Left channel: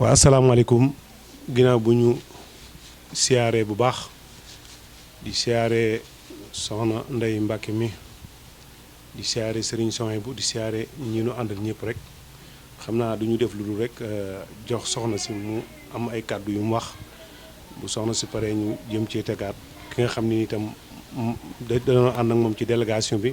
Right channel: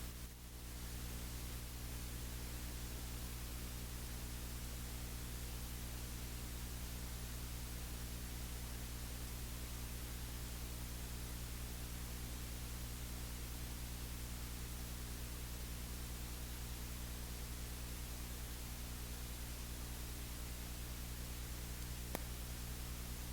waa asalaamaaleykum ginnaaw bu ñu siyaaree bu baax di siyaaree soxna Ndey Mbàkke mi di siyaare Serigne Souhaïbou di siyaare ñi nu àndal ñëpp rek xam naa du ñu def lu dul rek jox soxna si mu am ay kàddu yu mu wax bu soxna si paree ñu jëm ci tegaat ki nga xam ni itam dañoo ànd ak moom ci délégation bi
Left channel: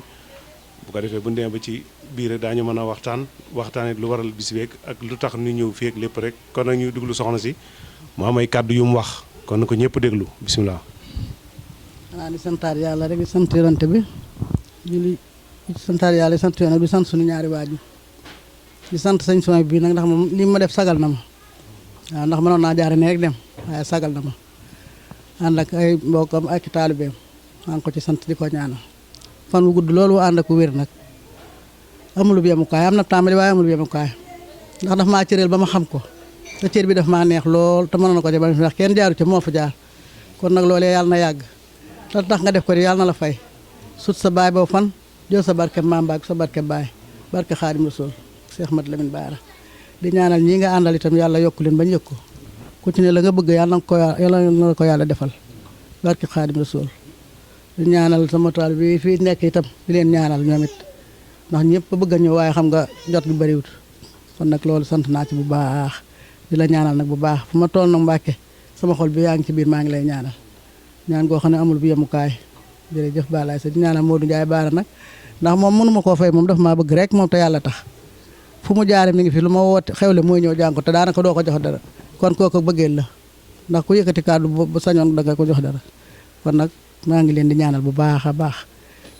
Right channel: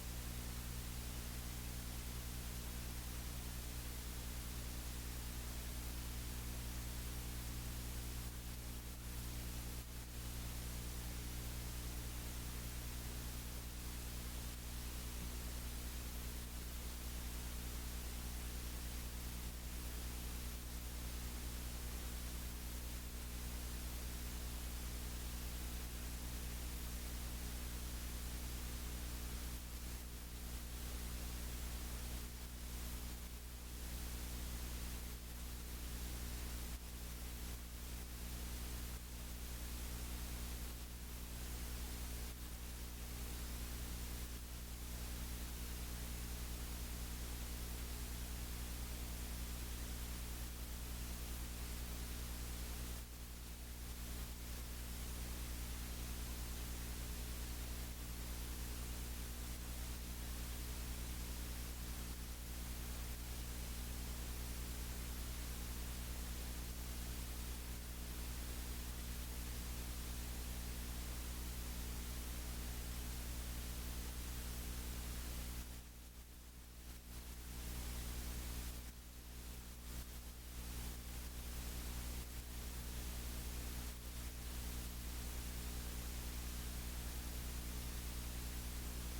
bu ko defee bu ñu demee ba ci biir rek daañu mën a waxtaanee lu waral bis beeg ak lu tax ñu ñëw fii ak lépp rek kon nag ñuy déglu soxna si mu am ay kàddu yu mu wax kon na ko ñëpp déglu bisimilah. xanaa di santaat yàlla rek di sant yonante bi di santaat yàlla di sant yoon bi sant suñu ñaari waajur di sant sëñ Souhaïbou bi nag ndax moom li ma def sagal na ma waaw ndax mënoon naa jaare ne rek dem waaye sagal na ma ànd ak ay mbokkam ak taalibeem maa ngi ko ci sant di ko ñaanal fan wu gudd loolu ànd ak wér nag amul bu yemukaay am na tàmbali waaye amul bu yemukaay ndax daf maa cëreel ba ma xam ko te cër bi daf maa neex lool te mënoon na ko ca ba ndax kenn jaaru ca moo fa jaar kon nag loolee yàlla na yàgg te tax nga def ko di yàlla na la fay sut sa baay boo fan jël sa barke maam baag sa barke baay barke Xaadim Rasuul Cheikh Mat Lamine Baara di ñaanal ñii nga àndal itam yàlla yokku leen bañ yëg ko ku ci ne la nga bëgg yàlla na ko yàlla defal barke Xaadim Rasuul di ñaanal sama taal bi fii nekk itam di leen ñaanal ñoom it ndax ñëpp bëgg a ñëw waaye xam nga jot gi bëriwut kon nag loolu sant naa ci bu baax di la ñaanal nag bu baax fu ma toll nag Mbàkke sama xol bi yaa ngi ci biir maa ngi lay ñaanal ñaan goo xam ne amul bu yemukaay jërëjëf Balaye sa di ñaanal Modou Ndiaye Baara nag ndax moom mënuma koo fay moom dafa maa bëgg rek moom te yàlla tax fu mu jaare mi ngi fi lu ma woote xewle mooy ñëw jàng ko te daanaka doo ko jox dara kon kooku bëggeel la ndax ku yëkkati kàddu bu sañoon da nga ko jox dara kon nag maa ngi leen di ñaanal bu baax a baax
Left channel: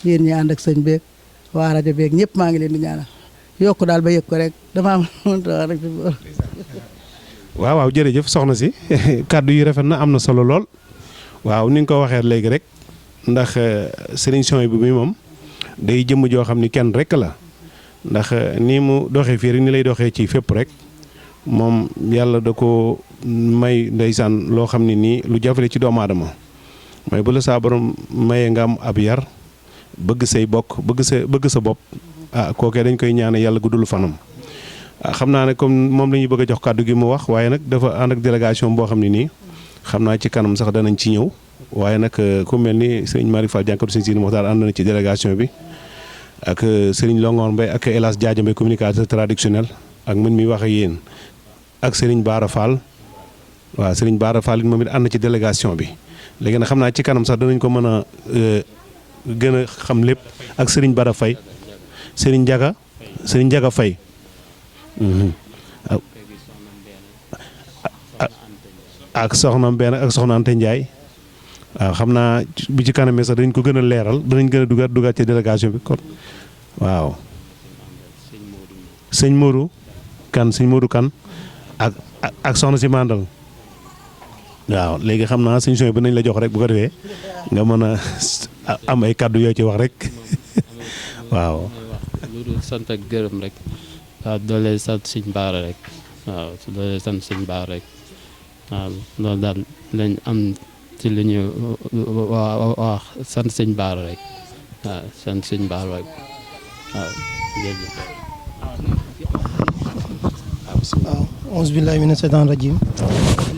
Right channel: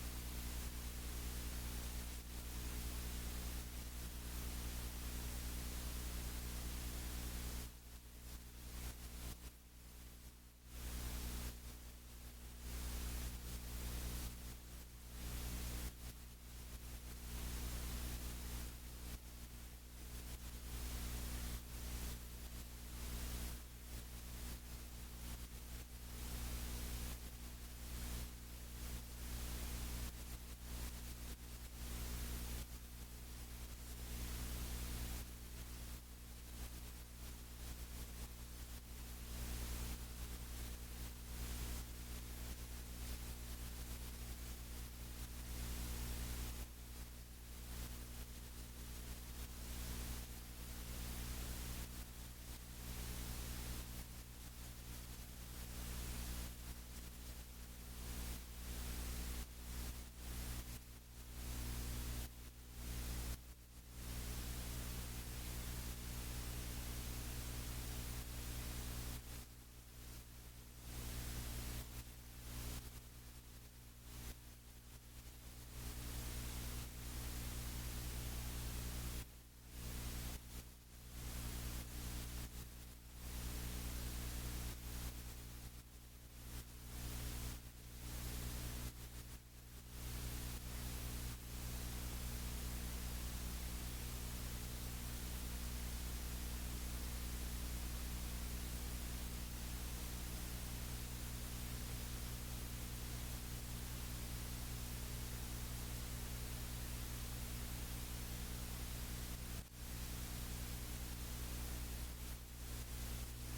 yéen ñi ànd ak sëñ beeg waa rajo beeg ñëpp maa ngi leen di ñaanal yokku daal ba yëg ko rek dama am rek. waaw jërëjëf soxna si kàddu yi rafet na am na solo lool waaw ni nga ko waxee léegi rek ndax Serigne Souhaïbou bi moom day jëmm joo xam ni kenn rek la ndax ni mu doxee fii rek ni lay doxee ci fépp rek moom yàlla da ko may ndeysaan loo xam ne nii lu jafale ci doomu aadama mooy bu la saa borom mayee nga am ab yar bëgg say bokk bëgg sa bopp kookee dañ koy ñaane yàlla guddul fanam xam naa ne comme moom la ñuy bëgg a jox kàddu gi mu wax waaye nag dafa ànd ak délégation boo xam ne nii xam naa ci kanam sax danañ ci ñëw waaye nag ku mel ni sëriñ Mari Fall jànkatu sëriñ Sidi Moxtaar ànd na ci délégation bi ak sëriñ Longoor Mbay ak El Hadj Diadia Mbay communicateur traditionnel ak man mi wax ak yéen ak sëriñ Baara Fall waaw sëriñ Baara Fall it moom it ànd na ci délégation bi léegi nag xam naa ci kanam sax danañ ko mën a gën a xam lépp ak sëriñ Bara Faye sëriñ Njaga Faye ak soxna Mbène ak soxna Ante Ndiaye waaw xam naa bu ci kanamee sax dañ ko gën a leeral danañ gën a dugaat ci délégation bi kon waaw sëñ Modou Kan ak soxna si mandal waaw léegi xam naa sëñ Souhaïbou bi nañ la jox rek bu ko defee nga mën a am ay kàddu yoo ci wax rek waaw lu dul sant ak gërëm rek waaw doole sant sëñ Baara rek waaw doole sant sëñ Baara rek waaw loolu daal lañ am ci li ñu wax sant sëñ Baara rek waaw sant sëñ Baara rek waaw jërëjëf. waaw auzu billaahi mina seytaani rajiim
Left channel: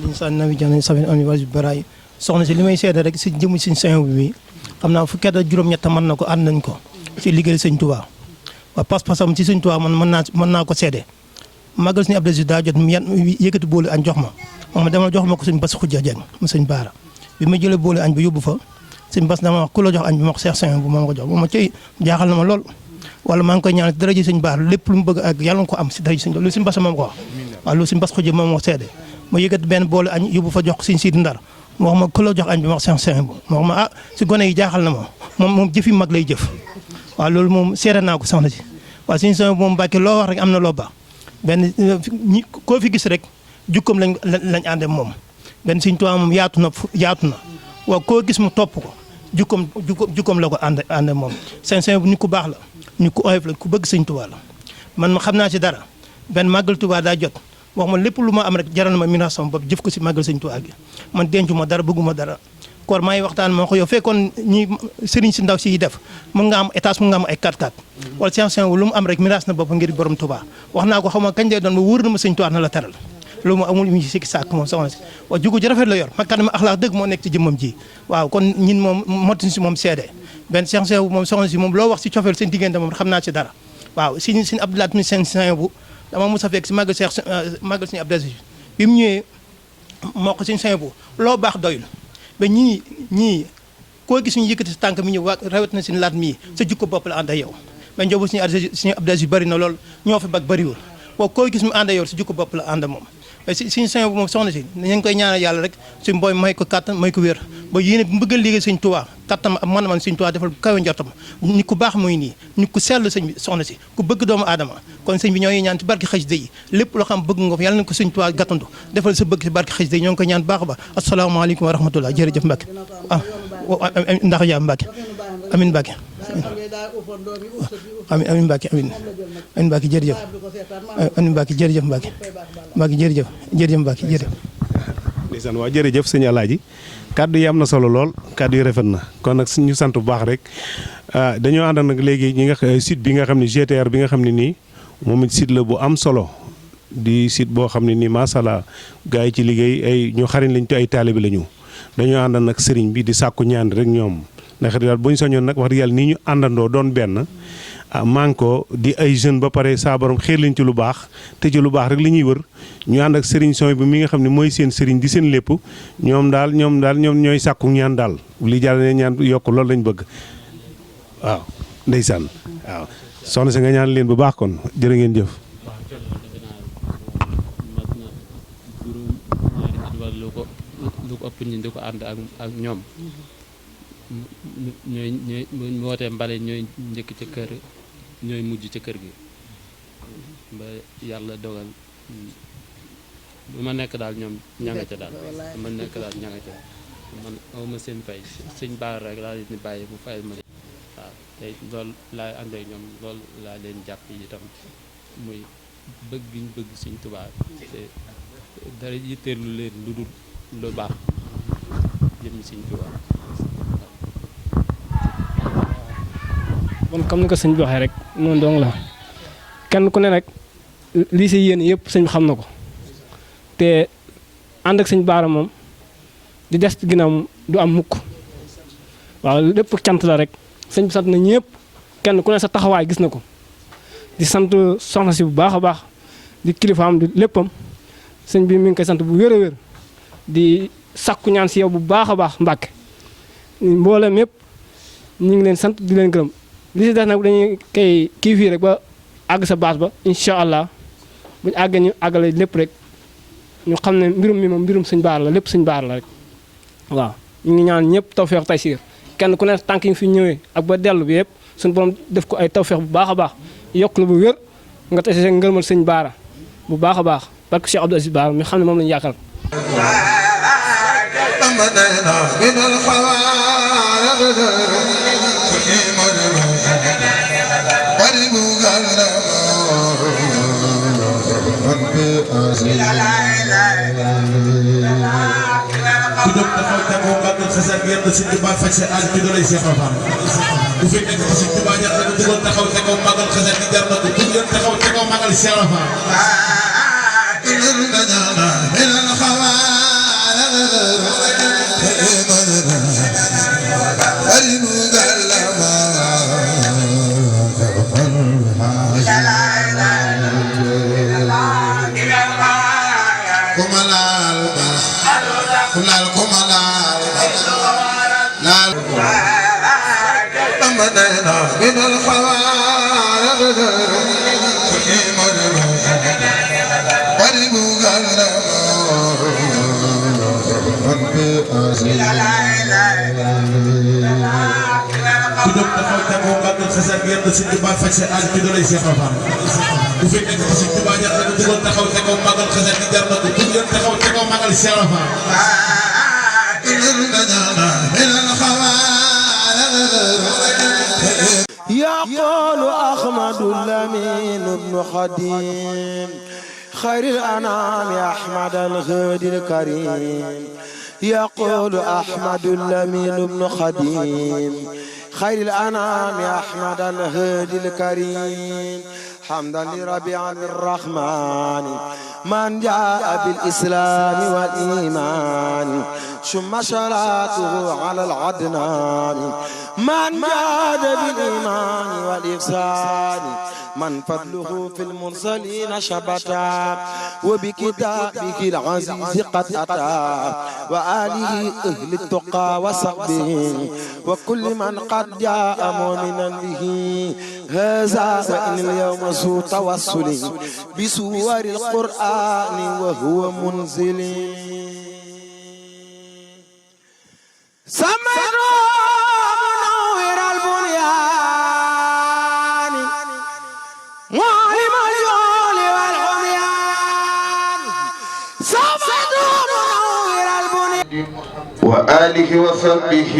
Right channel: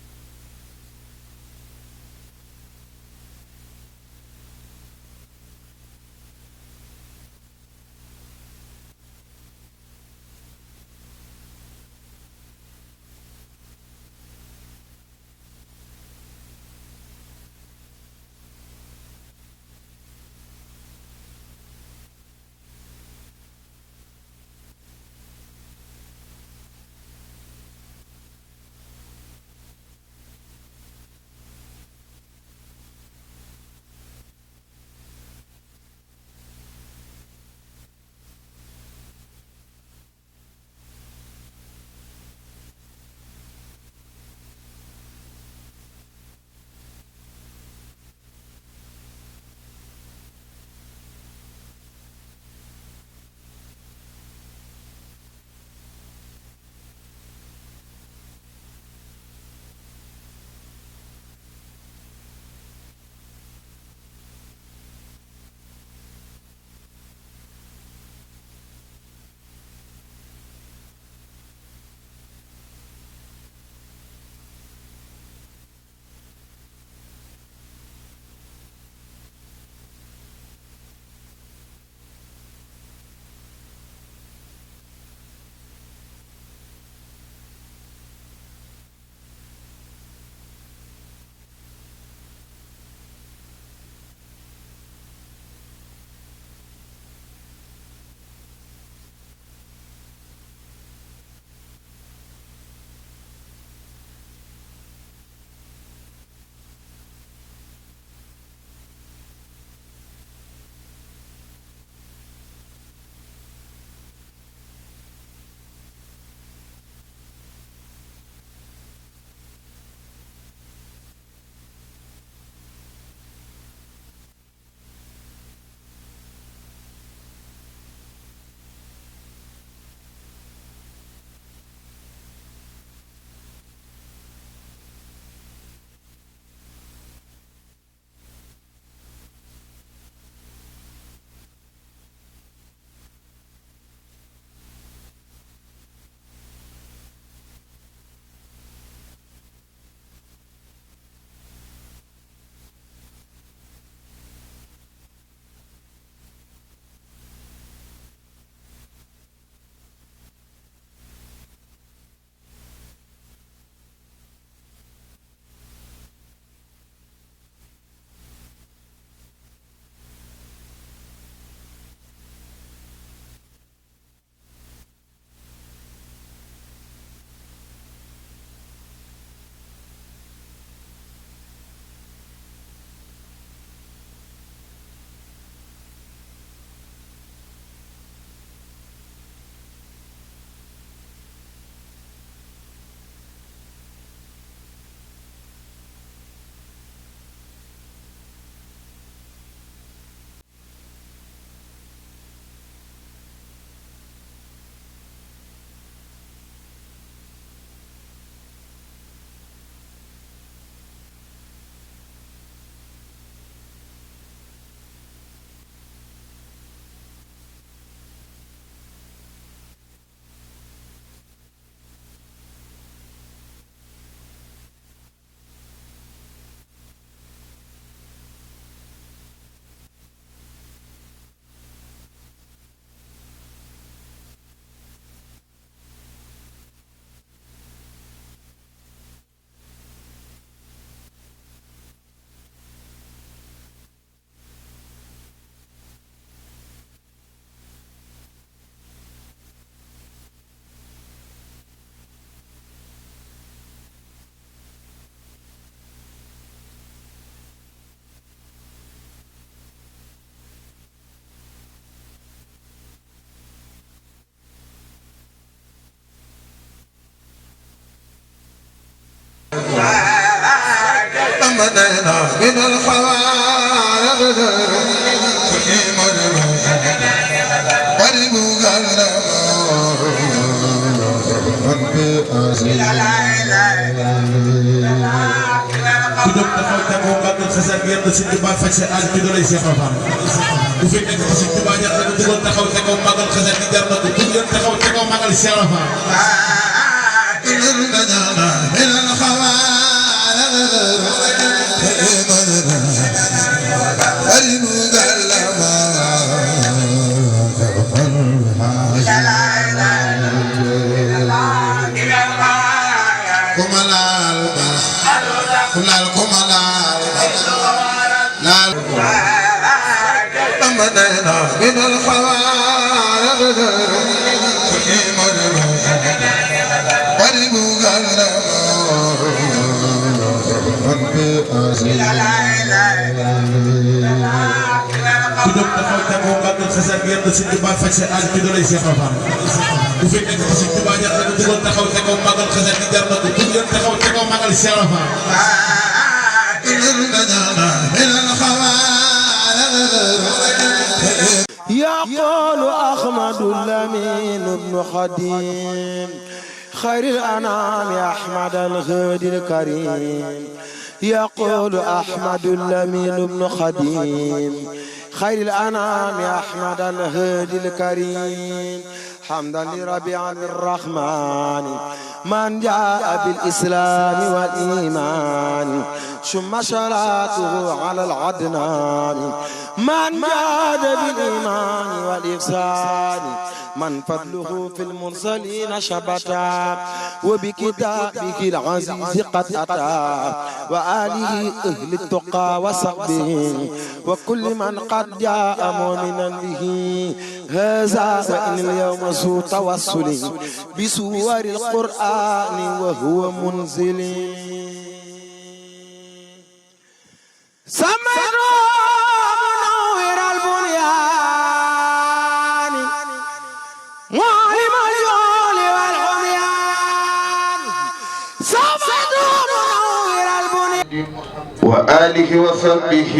linsaan nawi jaan safin ami wasi baraay soxna si li may seede rek si jëmu sëñ Souhaïbou bi xam naa fukki at ak juróom-ñett mën na ko ànd nañ ko ci liggéey sëñ Touba waaw pas-pasam ci sëñ Touba man mën naa ko seede magal suñu Abdou daa jot mu yëkkati boolu añ jox ma demal jox ma ko sëñ Bass Xujja Jeng mu sëñ Baara bi ma jëlee boolu añ bi yóbbu fa sëñ Bass dama wax ku la jox añ bi ma ko Cheikh Souhaïbou bu ma ko jox bu ma cay jaaxal na ma lool wala maa ngi koy ñaan dara ji sëñ Baara lépp lu mu bëgg ak yàlla nga ko am si dara ji sëñ loolu sëñ Bass moom ko wax waaw loolu sëñ Bass Xujja moom moo seede ma yëkkati benn boolu añ yóbbu fa jox sëñ Sidi Ndar mu wax ma ku la jox añ bi ma ko Cheikh Souhaïbou ma wax ma si gone yi jaaxal na ma moom jëfi mag lay jëf waaw loolu moom seede naa ko soxna si waaw sëñ Souhaïbou moom Mbàkke loo wax rek am na loo baax benn koo fi gis rek jukkoom lañ àndee moom benn sëñ Tuubaa moom yaatu na waaw koo gis mu topp ko jukkoom la ko àndee moom sëñ Souhaïbou nit ku baax la nit ku oyof la ku bëgg sëñ Tuubaa la man ma xam naa si dara benn màggal Tuubaa daa jot wax ma lépp lu ma am rek jaral ma mina sama bopp jëf ko si màggal sëñ Tuubaa gi man dencu ma dara bëgguma dara koor maa ngi waxtaan moo ko yow fekkoon ñi sëriñ si ndaw si yi def mën nga am étage mën nga am ay 4x4 wala sëñ Souhaïbou lu mu am rek miraas na bopp ngir borom Tuubaa wax naa ko xam nga kañ lay doon ba wóor na ma sëñ Tuubaa na la teral loolu moo amul mu ci sikki sàkk moom soxna si waaw jugu ji rafet la yor makkaanam axlaaq dëgg moo nekk ci jëmmam ji waaw kon ñin moom motuñ si moom seede benn Cheikh Seydou moom soxna si moom loo wax si cofeel seen diggante moom xam naa ci dara waaw si Abdoulaye mi seen bu dama mos a fekk si màggal suñu Abdoulaye bi mu ñëwee moo ko suñu bu loo baax doyul ba ñii koo gis ñu yëkkati sa tànk mi ñëw waa rawet na suñu laat mii sa jukko bopp la ànd ak yow mais njóobu suñu Abdoulaye bëri na lool ñoo fa bag bëriwul boo koo gis mu ànd ak yow sa jukko bopp la ànd moom mais suñu bu moom soxna si ñu ngi koy ñaanal yàlla rek suñu booy may ko kàttan may ko wér ba yéene bu bëggal liggéey suñ Tuubaa kattan ak man suñ Tuubaa defal kawe njortam nit ku baax muy nii nit ku sell sëñ bi soxna si ku bëgg doomu aadama kon sëñ bi ñoo ngi ñaan ci barke xasida yi lépp loo xam bëgg nga ko yàlla na ko suñ Tuubaa gàttandu defal sa bëgg ci barke xasida yi ñoo ngi koy ñaan baax a baax asalaamaaleykum wa rahmatullah jërëjëf Mbacke ndax yaa Mbacke amin Mbacke amin Mbacke amin Mbacke jërëjëf amin Mbacke jërëjëf Mbacke Mbacke jërëjëf Mbacke jërëjëf ndeysaan waa jërëjëf sëñ Alaaji kàddu yi am na solo lool kàddu yi rafet na kon nag ñu sant bu baax rek dañoo ànd nag léegi ñi nga site bi nga xam ne GTR bi nga xam ne nii moom it site la bu am solo di site boo xam ne nii macha allah gars yi ci liggéey ay ñu xariñ lañ te ay taalibi la ñu dañoo ànd nag sëriñ bi di sàkku ñaan rek ñoom ndax daal bu ñu soñoon nag wax dëgg yàlla nii ñu àndandoo doon benn manko di ay jeune ba pare saa borom xeer lañ ci lu baax te ci lu baax rek li ñuy wër ñu ànd ak sëriñ son bi mi nga xam ne mooy seen sëriñ di seen lépp ñoom ñooy sàkku ñaan daal li jàll ne ñaan yokk loolu lañ bëgg waaw ndeysaan waaw soxna si nga ñaan leen bu baax kon jërë ngeen jëf lu ko ëpp ñu di ko ànd ak ñoom ñooy wootee mbale ñooy njëkk ca kër ñooy mujj ca kër gi ba yàlla dogal bu ma nekk daal ñoom ña nga ca daal ma nekk daal ña nga ca man awma seen fay sëñ baar rek laa leen di bàyyi bu fayal ma waaw tey loolu laay ànd ak ñoom loolu laa leen jàpp yi tam muy bëgg bi ñu bëgg Sëñ Tuubaa te dara yitteelu leen lu dul lu baax jëm Sëñ Tuubaa kon comme ni ko sëñ bi waxee rek noonu dong la kenn ku ne rek lii si yéen yëpp sëñ bi xam na ko te ànd ak sëñ Baara moom di des ginnaaw du am mukk waaw lépp cant la rek sëñ bi sant na ñëpp kenn ku ne sa taxawaay gis na ko di sant soxna si bu baax a baax di kilifaam di léppam sëñ bi mi ngi koy sant bu wér a wér di sakku ñaan si yow bu baax a baax Mbàkke mboolem yëpp ñu ngi leen sant di leen gërëm li si des nag dañuy kay kii fii rek ba àgg sa baas ba incha allah buñu àggee ñu àggale lépp rek ñu xam ne mbirum mi moom mbirum sëñ Baara la lépp sëñ Baara la rek waaw ñu ngi ñaan ñëpp tawfeex taysiir kenn ku ne tànk yi fi ñëwee ak ba dellu bi yëpp suñu borom def ko ay tawfeex bu baax a baax yokk la bu wér nga tase see ngërmal sëñ Baara bu baax a baax parce que Cheikh Abdou Aziz Baara mi xam ne moom lañu yaakaar ku jóg taxaw tegoo mbàggal xasal yéen a Sëñ Tuubaa faj sa aal ci dooley Seex Faal ku fi nekk ci Sëñ Tuubaa jar na ko dugal taxaw tegoo mbàggal xasal gi jar na ko ku ngeen taxaw tegoo mbàggal Seex Faal ku jóg taxaw tegoo mbàggal xasal yéen a Sëñ Tuubaa faj sa aal ci dooley Seex Faal ku fi nekk ci Sëñ Tuubaa jar na ko dugal taxaw tegoo mbàggal xasal gi jar na ko ku ngeen taxaw tegoo mbàggal Seex Faal يقول أحمد اللمين بن خديم خير الأنام أحمد الغد الكريم يقول أحمد اللمين بن خديم خير الأنام أحمد الهادي الكريم حمدا لربيع الرحمن من جاء بالإسلام والإيمان ثم صلاته على العدنان من جاد بالإيمان والإحسان من فضله في المرسلين شبتا وبكتابه العزيز قد أتى وآله أهل التقى وصحبه وكل من قد جاء مؤمنا به هذا وإن اليوم ذو توسل بسور القرآن وهو منزل سمعنا منور البنيان معلم الجهل والعميان سمعنا منور البنيان وآله وصحبه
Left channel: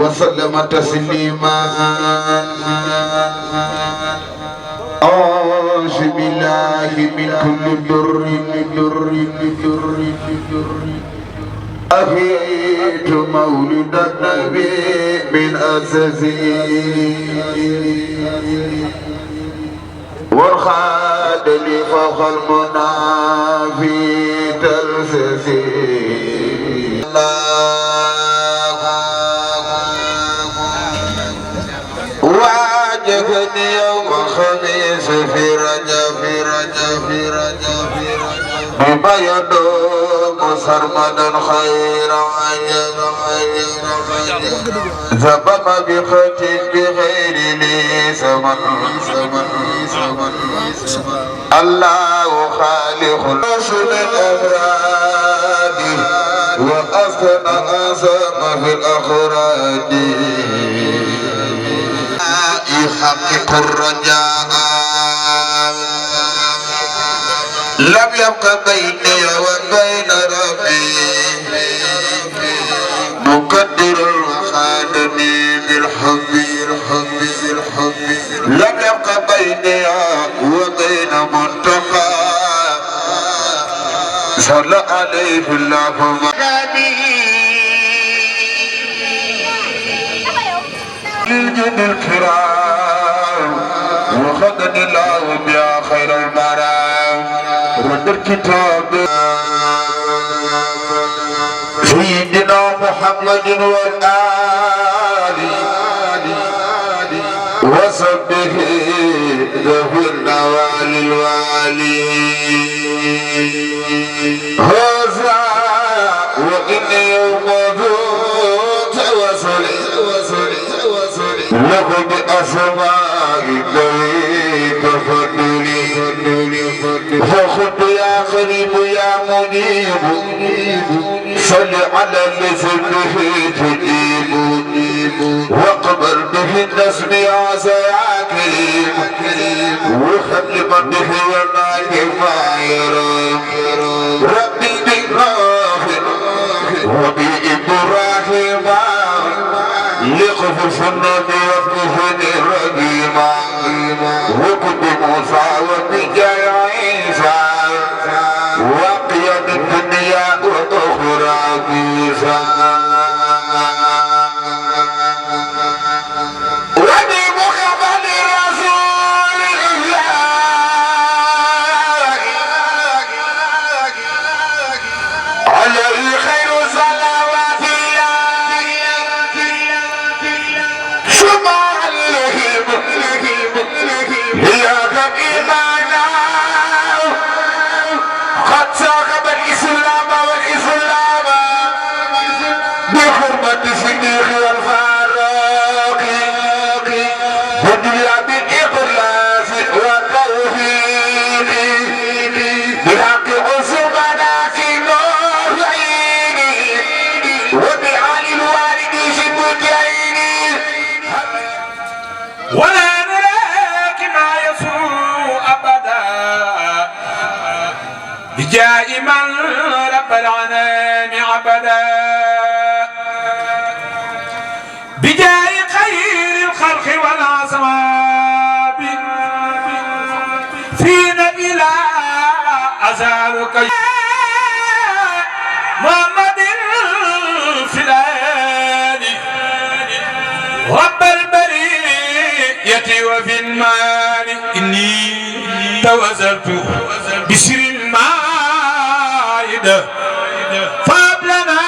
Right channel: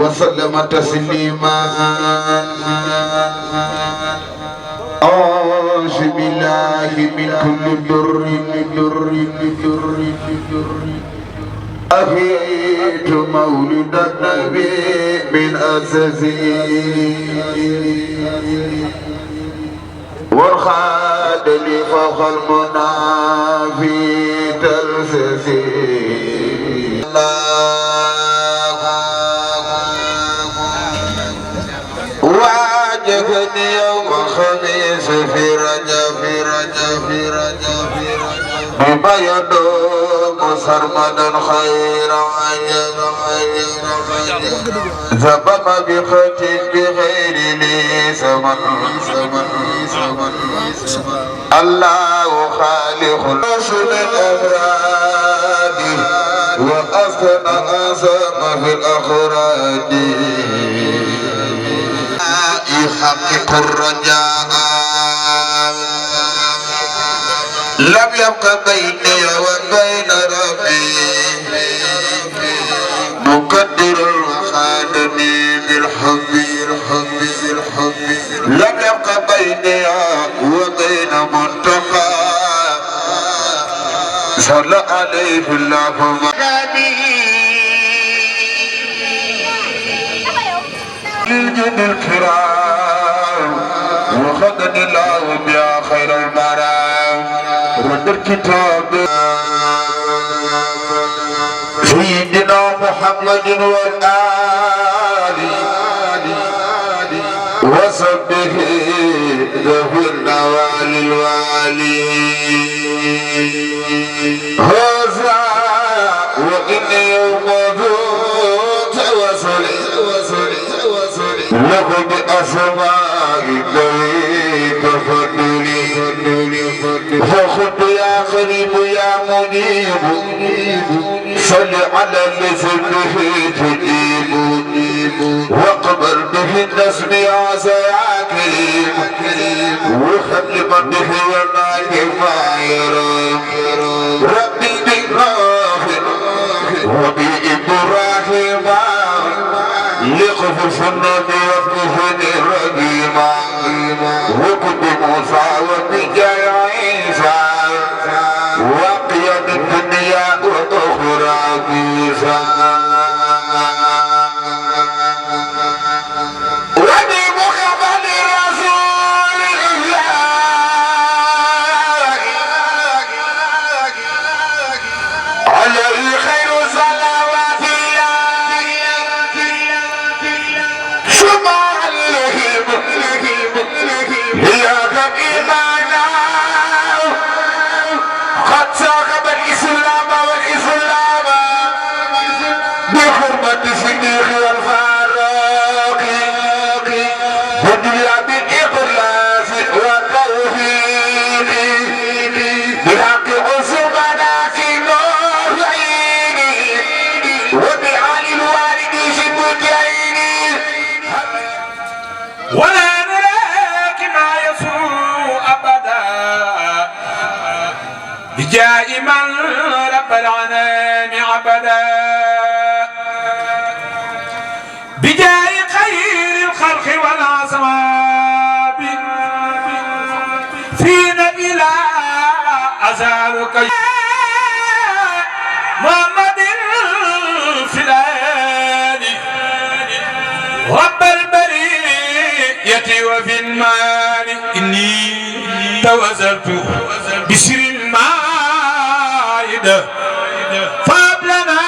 وسلم تسليما أعوذ بالله من كل ضر أفيت مولد النبي من أساسي وارخاد لي فوق المنى في تلسسي واجبني يوم خميس في رجب بما يدوم سرمدا خير عجب زبق بخط بغير لي سمن الله خالق رسل الأبراد وأسكن أسام في الأخراد يحقق الرجاء لم يبق بيني وبين ربي مقدر وخادني بالحب لم يبق بيني وبين منتقى صلى عليه الله للجن الكرام وخدني الله بيا خير المرام رد الكتاب سيدنا محمد والآل وصحبه ذوي النوال الوالي هذا وإن يوم له بأسماء ذوي تفضلي فخذ يا قريب يا منيب صل على لسانه تجيب واقبل به النسم يا كريم وخل من به ونايم ما يرام ربي بالغافر وبإبراهيم لقف النبي وقفني رقيما وكب موسى وبجاي عيسى وقيد الدنيا وأخرى موسى وبمقبل رسول الله عليه خير صلوات دائما رب العنان عبدا بجاي خير الخلق والعصواب فينا إلى أزالك محمد الفلاني رب البرية أني توزلت بسر المائدة فابلنا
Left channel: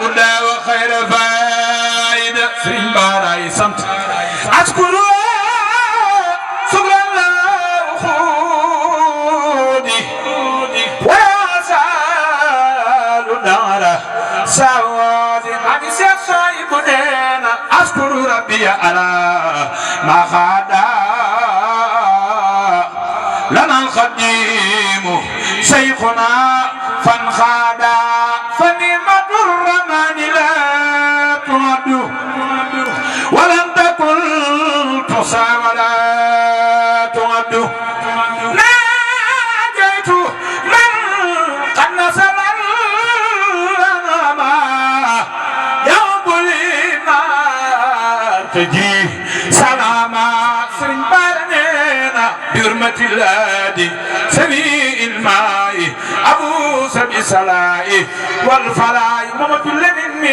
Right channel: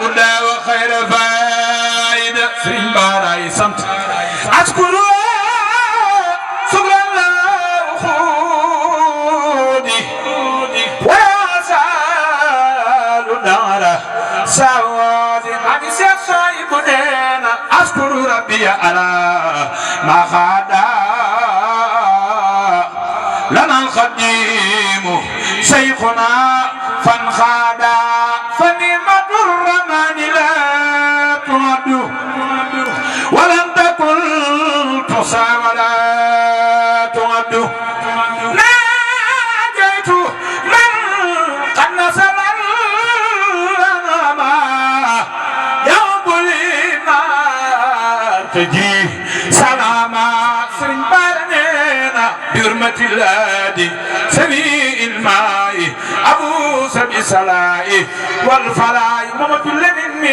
الهدى وخير فائدة سرين باراي سمت أشكر شكرا له خودي ويسال دار سوادي أبي شيخ صاحب دينا أشكر ربي على ما خدا لنا الخديم شيخنا فانخادا فنعمة الرحمن لا تعد ولم تكن تحصى ولا تعد ناجيت من قد نزل الأنام يوم الإيمان تجي سلاما سرين بارنينا بحرمة الهادي سميع الماء أبو سبي سلاي والفلاي محمد لمن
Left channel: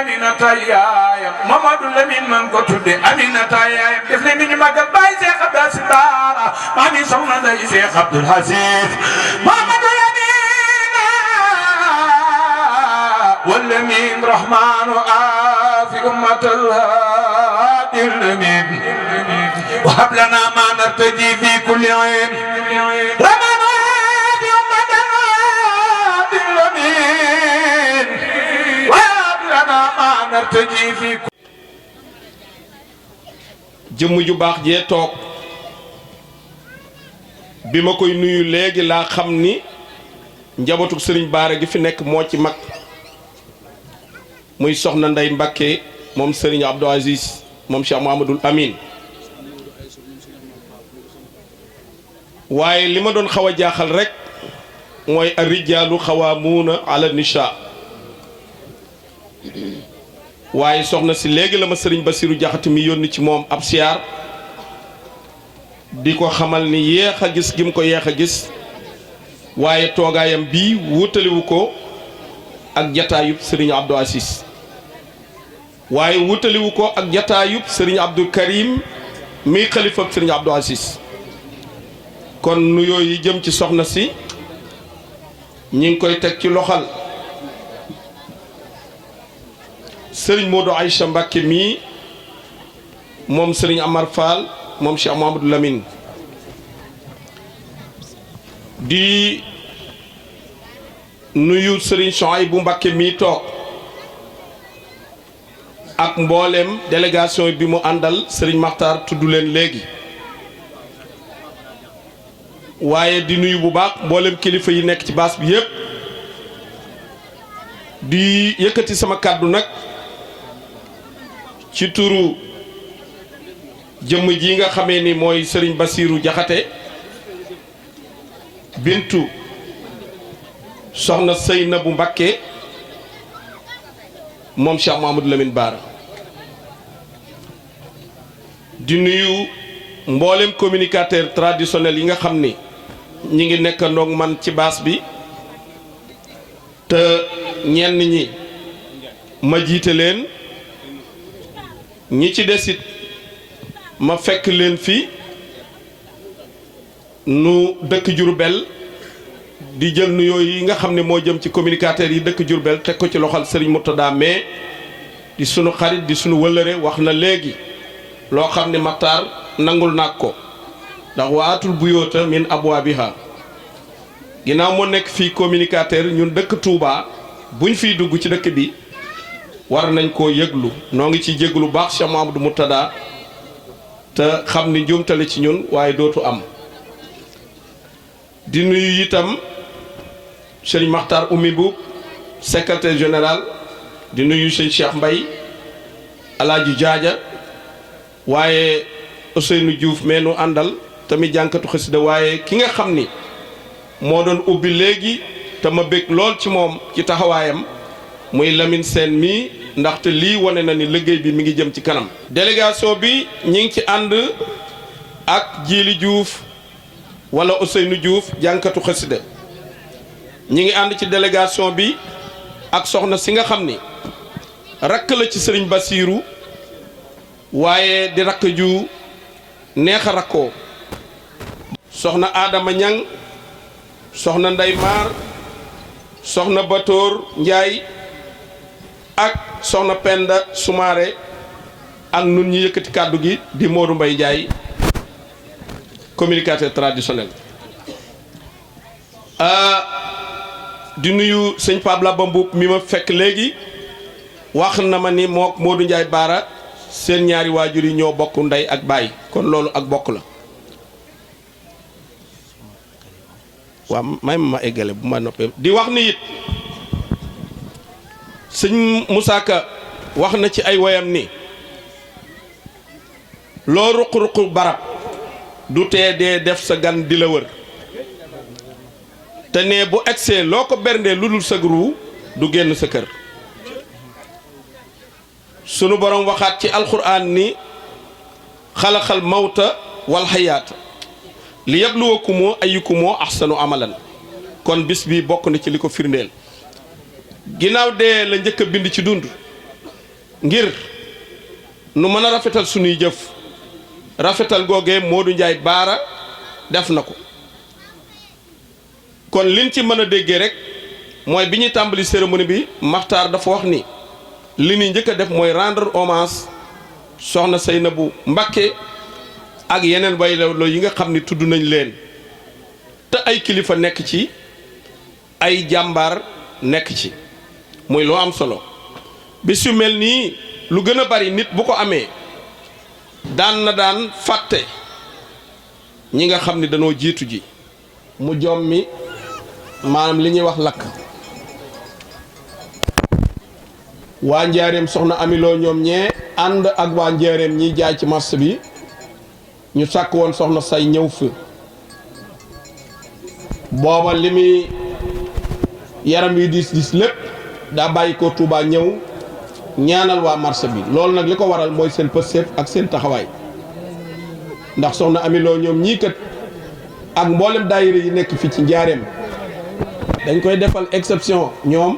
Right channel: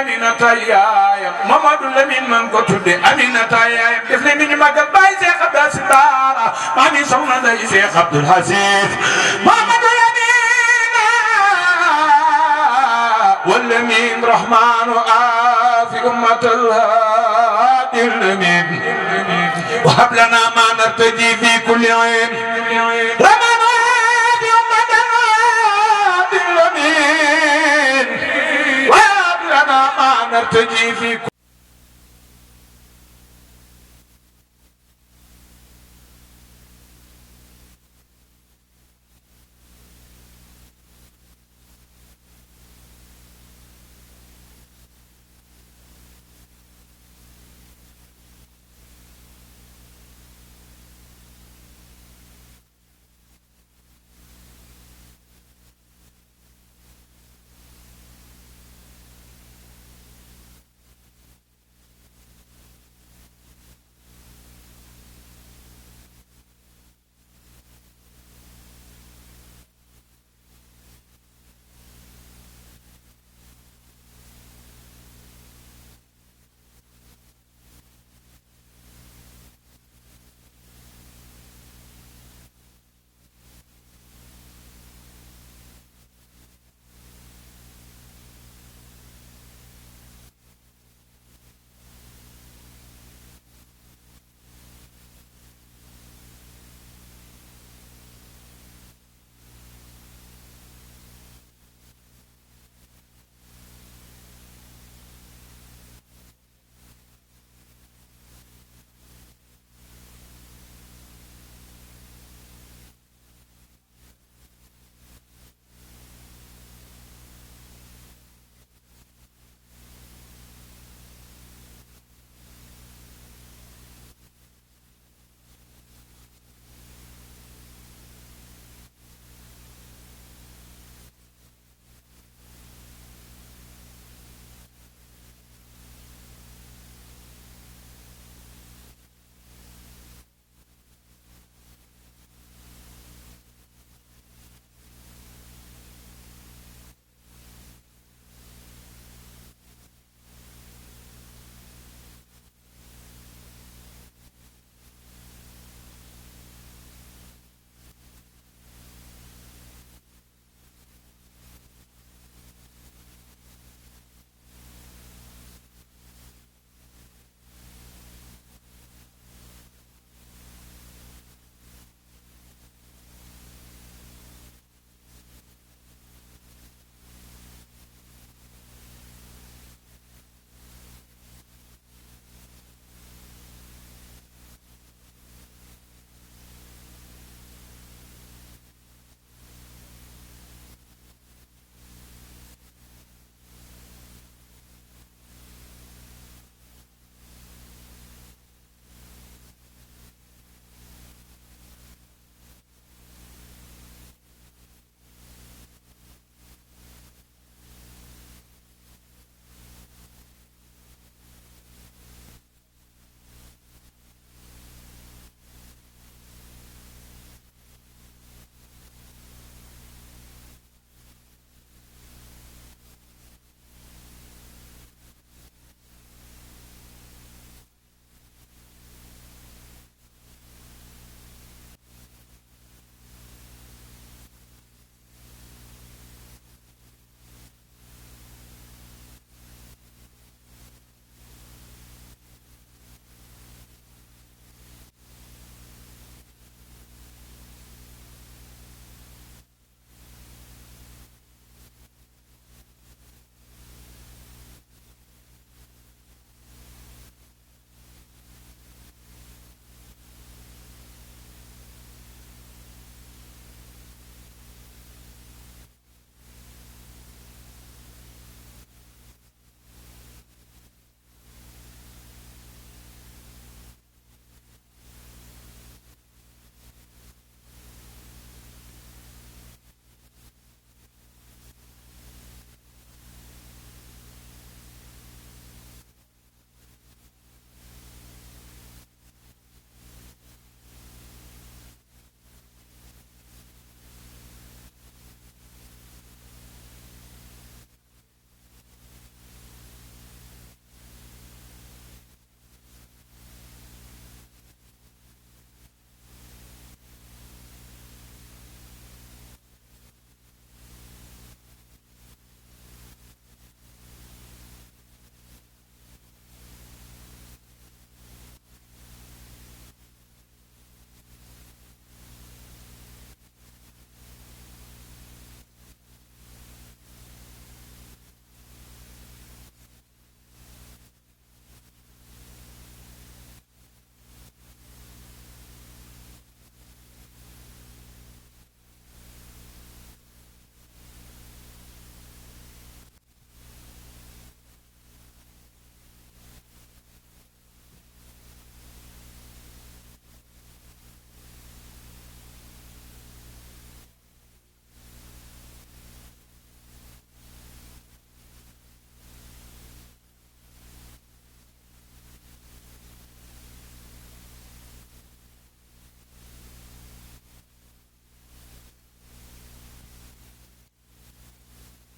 أمينة يايا محمد لمن من قتل أمينة يايا دفل من مقل باي شيخ عبد السبارة مامي سونا داي شيخ عبد الحسيب محمد لمن واللمين رحمن في أمة الهادي اللمين وهب لنا ما نرتجي في كل عين رحمن في أمة الهادي اللمين وهب لنا ما نرتجي في كل jëmm ju baax jee toog bi ma koy nuyu léegi laa xam ni njabootu sëriñ Baara gi fi nekk moo ci mag muy soxna Ndey Mbakke moom sëriñ Abdou Aziz moom Cheikh Mouhamadoul Amin waaye li ma doon xaw a jaaxal rek mooy ar-rijaalu xawaamuuna ala nisaa waaye soxna si léegi la ma sëriñ Basiru Jaxate mi yónni ci moom ab siyaar di ko xamal ni yéex a gis gi mu ko yéex a gis waaye toogaayam bii wutaliwu ko ak jataayub sëriñ Abdou Aziz waaye wutaliwu ko ak jataayub sëriñ Abdou Karim mi xalifab sëriñ Abdou Aziz kon nuyoo yi jëm ci soxna si ñi ngi koy teg ci loxal sëriñ Modou Aïcha Mbacké mii moom sëriñ Amar Fall moom Cheikh Mouhamadou Lamine di nuyu sëriñ Souhaïbou Mbacké mii toog ak mbooleem délégation bi mu àndal sëriñ Makhtar tudd leen léegi waaye di nuyu bu baax mbooleem kilifa yi nekk ci baas bi yépp di yëkkati sama kàddu nag ci turu jëmm ji nga xamee ni mooy sëriñ Basiru Jaxate bintu soxna Seynabu Mbakke moom Cheikh Mouhamadou Lamine Bara di nuyu mboolem communicateur traditionnel yi nga xam ni ñi ngi nekk ndoog man ci baas bi te ñenn ñi ma jiite leen ñi ci desit ma fekk leen fi nu dëkk Jurbel di jël nuyoo yi nga xam ne moo jëm ci communicateurs yi dëkk Jurbel teg ko ci loxal Serigne Murtada mais di sunu xarit di sunu wëllëre wax na léegi loo xam ne Makhtar nangul naag ko ndax waatul buyoota min abwaabiha ginnaaw moo nekk fii communicateur ñun dëkk Touba buñ fiy dugg ci dëkk bi war nañ koo yëglu noo ngi ciy jéglu baax Cheikh Mouhamadou Murtada te xam ni njuumtale ci ñun waaye dootu am di nuyu itam Serigne Makhtar Oumy Boub secrétaire général di nuyu sëñ Cheikh Mbaye Alaaji Jaaja waaye Ousseynou Diouf mais nu àndal tamit jànkatu xasida waaye ki nga xam ni moo doon ubbi léegi te ma bég lool ci moom ci taxawaayam muy Lamine Sène mii ndaxte lii wane na ni liggéey bi mi ngi jëm ci kanam. délégation bi ñi ngi ci ànd ak Djili Diouf wala Ousseynou Diouf jànkatu xasida ñi ngi ànd ci délégation bi ak soxna si nga xam ni rakk la ci Serigne Bassirou waaye di rakk ju neex a rakkoo soxna Adama Ñang soxna Ndey Maar soxna Batoor Njaay ak soxna Penda Soumaré ak nun ñi yëkkati kàddu gi di Modou Mbaye Ndiaye communicateur traditionnel di nuyu sëñ Pape Laba Mbuub mi ma fekk léegi wax na ma ni mook Modou Ndiaye Baara seen ñaari waajur yi ñoo bokk ndey ak baay kon loolu ak bokk la waaw may ma eggale bu ma noppee di wax ni it sëñ Moussa Ka wax na ci ay woyam ni loo ruq-ruq barab du tee dee def sa gan di la wër te ne bu egsee loo ko berndee lu dul sa guru du génn sa kër sunu borom waxaat ci alxuraan ni xalaxal mawta wal xayaata li yabluwakumoo ayyukumoo ahsanu amalan kon bis bi bokk na ci li ko firndeel ginnaaw dee la njëkk a bind ci dund ngir nu mën a rafetal sunuy jëf rafetal googee Modou Ndiaye Baara def na ko kon liñ ci mën a déggee rek mooy bi ñuy tàmbali cérémonie bi Maxtaar dafa wax ni li ñuy njëkk a def mooy rendre hommage soxna Seynabou Mbacké ak yeneen wayloo yi nga xam ni tudd nañ leen te ay kilifa nekk ci ay jàmbaar nekk ci muy loo am solo bis yu mel nii lu gën a bari nit bu ko amee daan fàtte ñi nga xam ni dañoo jiitu ji mu jommi maanaam li ñuy wax lakk waa njaareem soxna amiloo ñoom ñee ànd ak waa njaareem ñiy jaay ci marché bi ñu sàkk woon soxna say ñëw fi booba li muy yaram yi diis lépp daa bàyyi ko Touba ñëw ñaanal waa marché bi loolu nag li ko waral mooy seen pëstéef ak seen taxawaay ndax soxna amiloo ñoom ñii kat ak mboolem daayira yi nekk fi ci njaareem dañ koy defal exception ñoom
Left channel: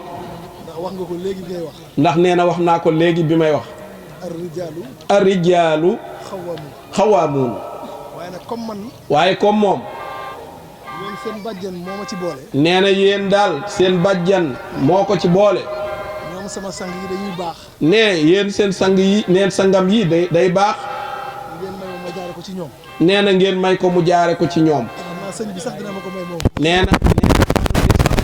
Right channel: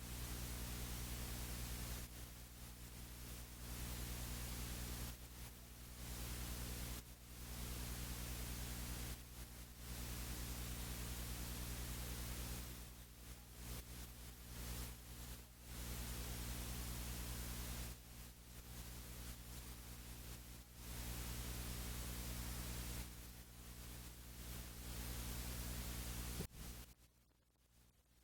wax nga ko léegi bi ngay wax ndax nee na wax naa ko léegi bi may wax ar-rijaalu xawaamuun waaye comme moom yéen seen bàjjan moo ma ci boole nee na yéen daal seen bàjjan moo ko ci boole ñoom sama sang yi dañuy baax nee yéen seen sang yi neen sangam yi day baax ngeen may ma jaare ko ci ñoom nee na ngeen may ko mu jaare ko ci ñoom sëñ bi sax dina ma ko may moom nee na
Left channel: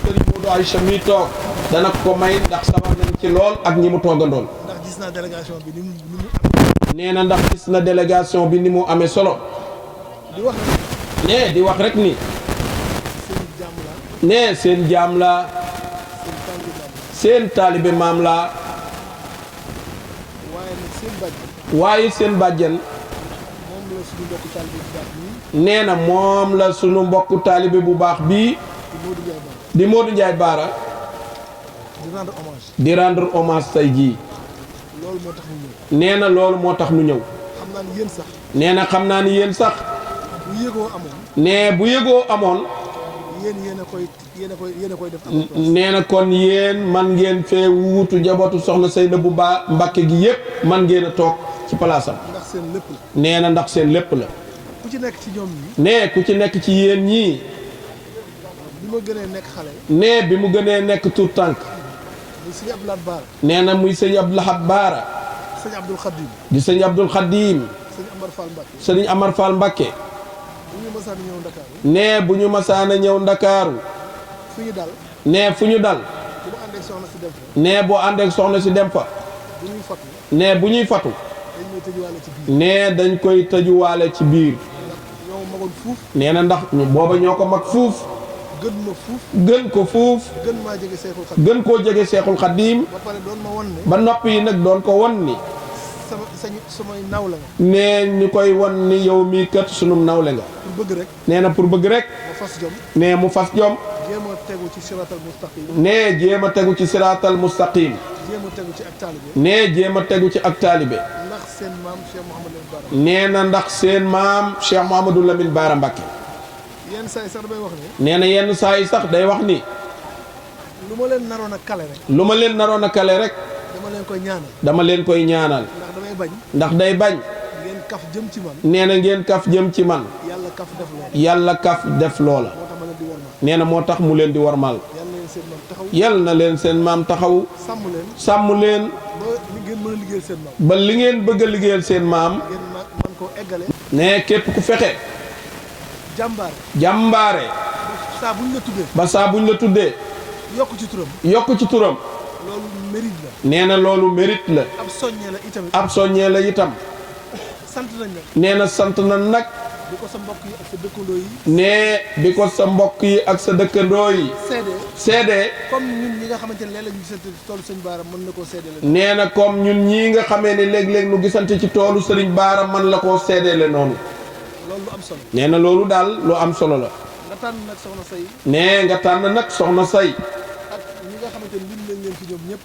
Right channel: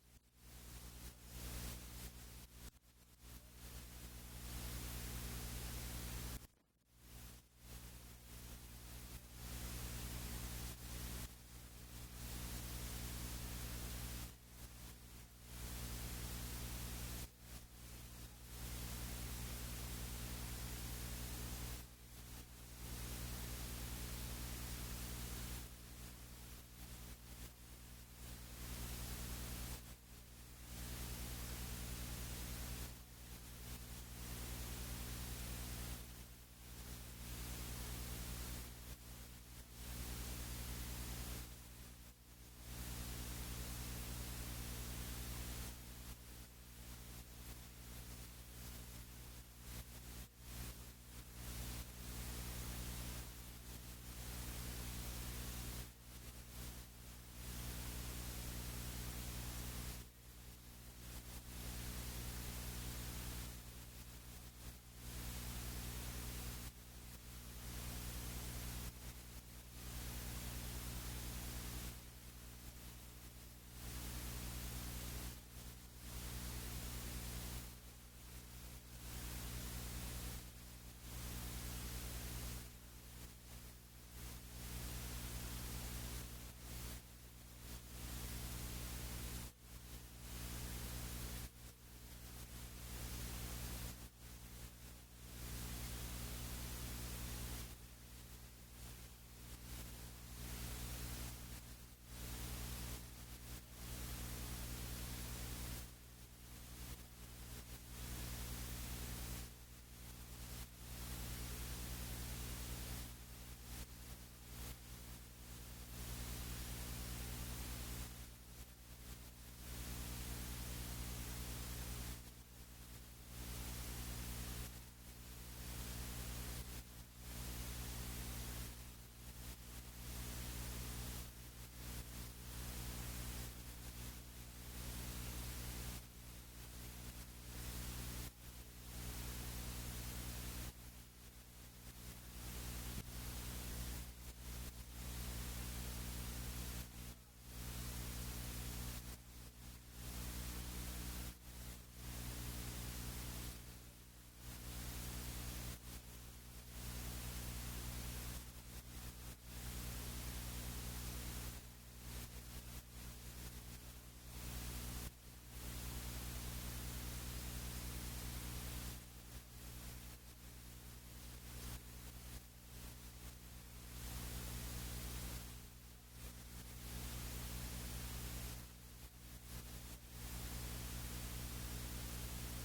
sëriñ Modou Aïcha mi toog dana ko may ndax sama nañ ci lool ak ñi mu toogandoon ndax gis naa délégation bi ni mu nee na ndax gis na délégation bi ni mu amee solo di wax nee di wax rek ni nee seen jaam la seen taalibe maam la waaye seen bàjjen nee na moom la sunu mbokku taalibe bu baax bii di Modou Ndiaye Baara di rendre hommage tey jii nee na loolu moo tax nu ñëw nee na xam naa ni yéen sax nee bu yëgoo amoon nee na kon yéen man ngeen fee wuutu njabootu soxna Seynabou Mbacké gi yépp man ngeen a toog ci palaasam nee na ndax seen lépp la nee ku ci nekk ci yéen ñii nee bi mu gënee nekk tout tànk nee na muy sëñ Abdou Lahad Baara di sëñ Abdoul Khadim sëñ Amar Fall Mbacké nee bu ñu masaana ñëw Ndakaaru nee fu ñu dal nee boo àndeek soxna si dem fa nee bu ñuy fatu nee dañ koy tëjuwaale ci biir nee na ndax booba ñoo ko mag fuuf gën ko fuuf gën koo jege Seexul Xadiim ba noppi yi nag doon ko won ni nee ñu koy won ni yow mii kat sunum nawle nga nee na pour bëgg rek nee mu fas jom nee jéem a tegu ci siraatal mustaqim nee jéem a tegu ci ak taalibe nee na ndax seen maam Cheikh Mouhamadou Lamine Bara Mbacké nee na yenn saa yi sax day wax ni lu ma leen naroon a kale rek lu ma leen naroon a kale rek dama leen koy ñaanal dama leen koy ñaanal ndax damay bañ ndax day bañ ngeen kaf jëm ci man. nee na ngeen kaf jëm ci man. yàlla kaf def loola. yàlla kaf def loola. nee na moo tax mu leen di warmal. yal na leen seen maam taxaw. sàmm leen. ba li ngeen bëgg a liggéeyal seen maam. ne képp ku fexe. jàmbaare. ba saa buñ la tuddee. yokk ci turam. loolu mérite la. nee na loolu mérite la. ab soññee la itam. ab soññee la itam. sant nañ nag. nee na sant na nag. bi ko sa mbokk yi ak sa dëkkandoo yi. nee bi ko sa mbokk yi ak sa dëkkandoo yi. seede. comme ñun ñi nga xamante ne léeg-léeg ñu gisante ci toolu sëñ Baara mën na koo seedele. nee na comme ñun ñii nga xamee ne léeg-léeg nu gisante ci toolu sëriñ Baara mën la koo seedele noonu. loolu lu am solo. nee na loolu daal lu am solo la. nga tànn nag soxna say. nee nga tànn nag soxna say.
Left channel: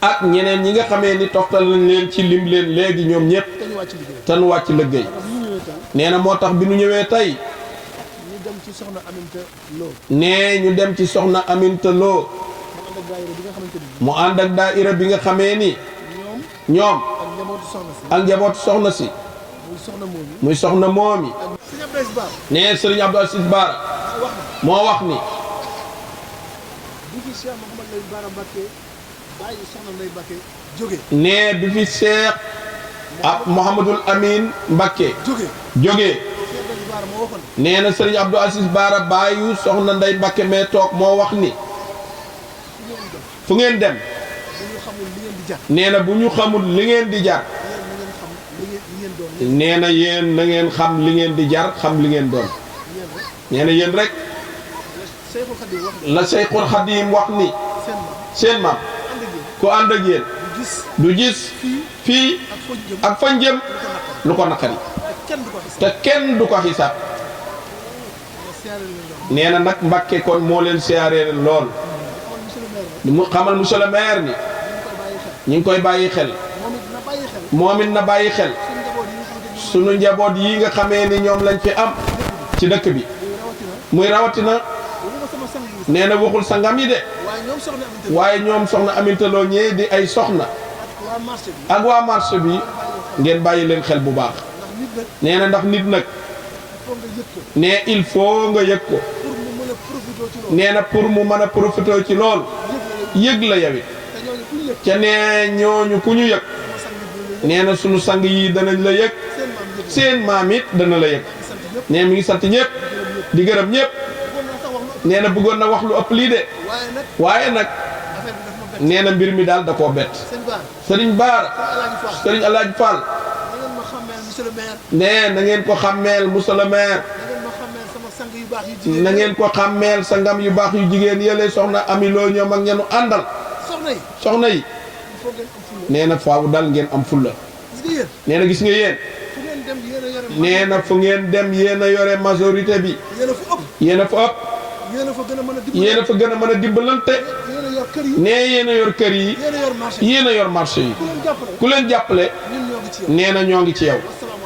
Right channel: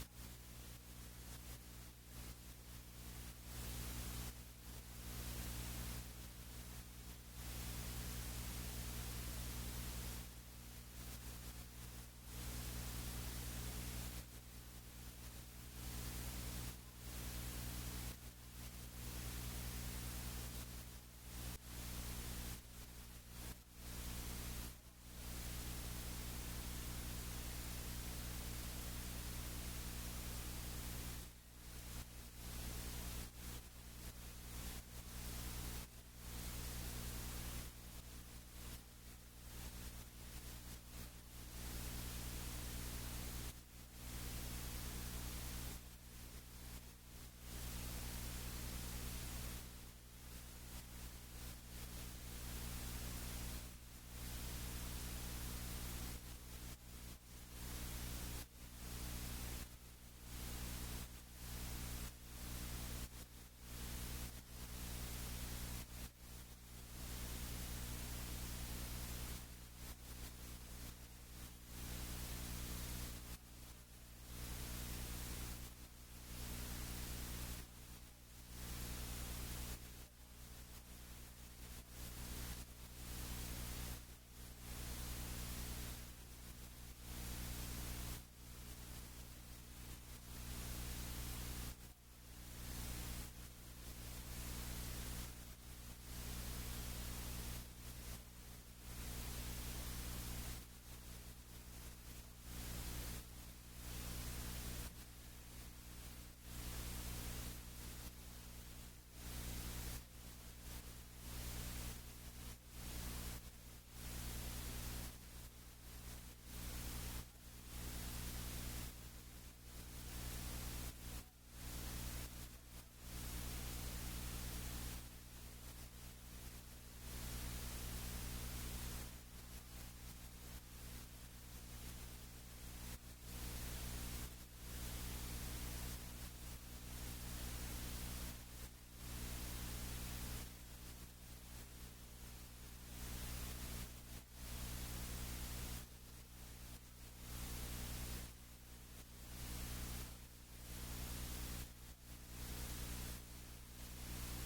ak ñeneen ñi nga xamee ni toxtal nañ leen ci lim leen léegi ñoom ñëpp. te nu wàcc liggéey. nee na moo tax bi nu ñëwee tey. ñu dem ci soxna Aminta Lo. nee ñu dem ci soxna Aminta Lo. mu ànd ak daayira bi nga xamee ni. ñoom. ak njabootu soxna si. muy soxna moomi. nee Serigne Abdou Aziz Bara. moo wax ni. nee bi fi Cheikh Mouhamadul Amin Mbacké jógee nee na Serigne Abdou Aziz Bara bàyyu soxna Ndey Mbacké mais toog moo wax ni fu ngeen dem nee na bu ñu xamul li ngeen di jar nee na yéen na ngeen xam li ngeen di jar xam li ngeen doon nee na yéen rek la Seyxul Xadim wax ni seen maam ku ànd ak yéen du gis fii ak fañ jëm lu ko naqari te kenn du ko xisaab nee na nag Mbacké kon moo leen siyaaree lool mu xamal monsieur le maire ni ñu ngi koy bàyyi xel moom it na bàyyi xel sunu njaboot yi nga xamee ni ñoom lañ fi am ci dëkk bi muy rawatina nee na waxul sangam yi de waaye ñoom soxna Aminta Lo ñee di ay soxna ak waa marché bi ngeen bàyyi leen xel bu baax nee na ndax nit nag nee il faut nga yëg ko nee na pour mu mën a profité ci lool yëg la yawit ca nee ñooñu ku ñu yëg nee na sunu sang yi danañ la yëg seen maam it dana la yëg nee mi ngi sant ñëpp di gërëm ñëpp nee na bëggoon na wax lu ëpp lii de waaye nag nee na mbir mi daal da koo bett sëriñ Baara sëriñ Alaaji Fall nee na ngeen ko xàmmeel monsieur le maire na ngeen ko xàmmeel sangam yu baax yu jigéen yële soxna Ami Lo ñoom ak ñenu àndal soxna yi nee na faaw dal ngeen am fulla nee na gis nga yéen nee na fu ngeen dem yéen a yore majorité bi yéen a fa ëpp yéen a fa gën a mën a dimbalante nee yéen a yor kër yi yéen a yor marché yi ku leen jàppale nee na ñoo ngi ci yow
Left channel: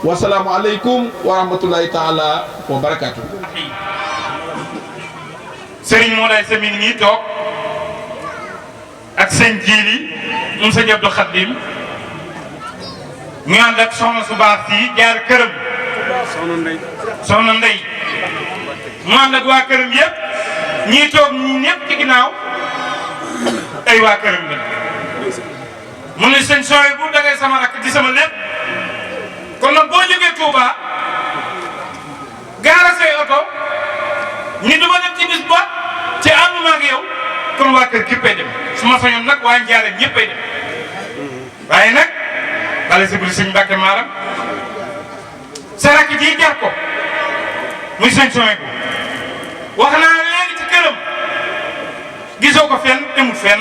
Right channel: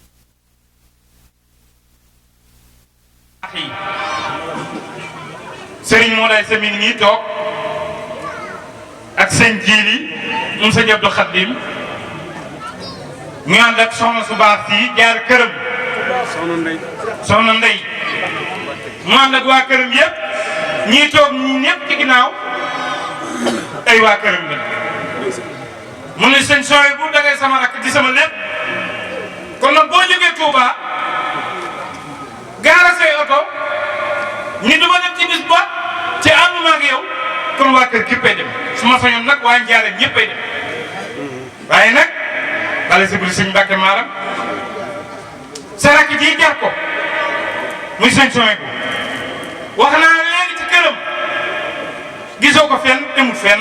wasalaamu aleykum wa rahmatullahi taala wa barakaatu. Serigne Moulay Sa mi ngi nii toog ak sëñ Jiili moom sëñ Abdou Khadim ñu ànd ak soxna su baax si jaar këram soxna Ndey mu ànd ak waa këram yëpp ñii toog ñii ñëpp ci ginnaaw ay waa këram la mu ne sëñ sooy bu dangay sama rakk di sama lépp kon nag boo jógee Touba gaara say oto ñi duma dem ci bis ba ci ànduma ak yow kon waa kër géppay dem su ma sañoon nag waa Njaareem ñëppay dem waaye nag bala si buri sëñ Mbàkke Maaram sa rakk ji jar ko muy sëñ sooy bu wax naa léegi ci këram gisoo ko fenn demul fenn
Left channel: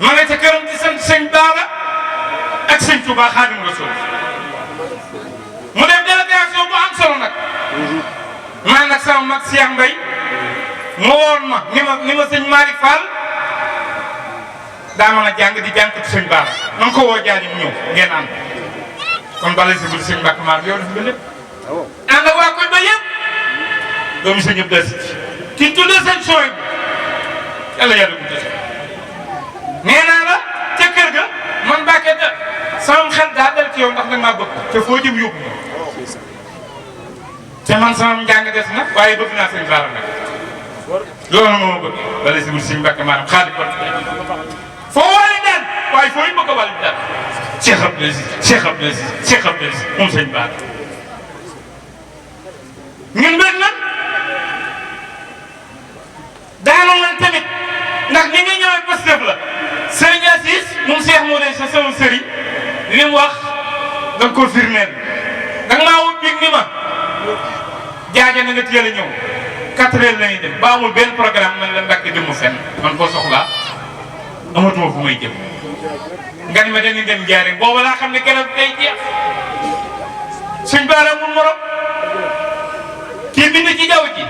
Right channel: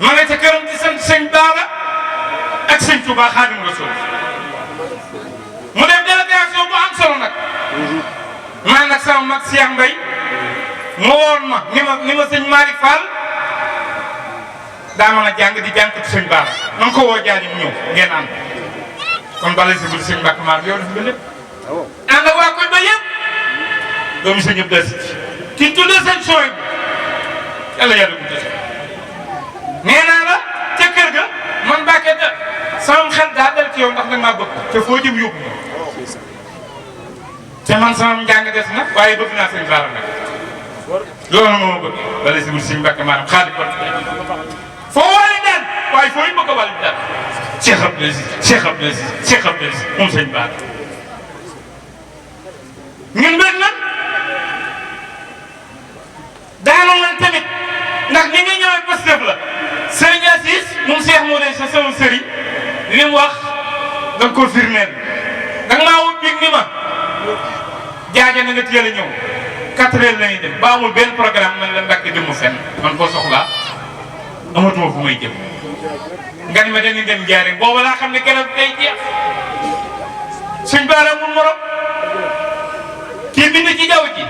ma nga ca këram di sant sëñ Baara ak sëñ Touba Xaadimu Rasuul mu def délégation bu am solo nag man nag sama mag Cheikh Mbaye mu woon ma ni ma sëñ Malick Fall daa mën a jàng di jànkatu sëñ Baara na nga ko woo jaani mu ñëw ngeen ànd kon bala si bul sëñ Mbàkke maar yow def nga lépp ànd ak waa koñ ba yëpp doomu sëñ Abdou Aziz ki tuddee sëñ sooy bi yàlla yàlla guddee nee naa la ca kër ga man Mbàkke sama xel daa dal ci yow ndax nag maa bëgg te foo jëm yóbbu ma te man sama njàng des na waaye bëgg naa sëñ Bara nag loolu moo ma bëgg bala si wut suñu mbàkk maanaam xaalis kon foo wàlli daan waaye foo ñu bëgg a wàlli daan Cheikh Abdou Aziz Cheikh Abdou Aziz Cheikh Abdou Aziz moom sëñ Bara ñun benn nag daanoon nañ tamit ndax ni nga ñëwee Pastef la sëriñ Aziz moom Cheikh moo de sa sama sëriñ li mu wax da nga ko firmeel da nga maa wut big ni ma jaaja na nga teel a ñëw 4 heures la ñuy dem ba amul benn programme man la Mbàkke dem mu fenn man koo soxlaa amatuma fu may jëm nga ni ma dañuy dem jaare boobu laa xam ne keroog day jeex sëñ Bara mun morom kii bind ci jaww ji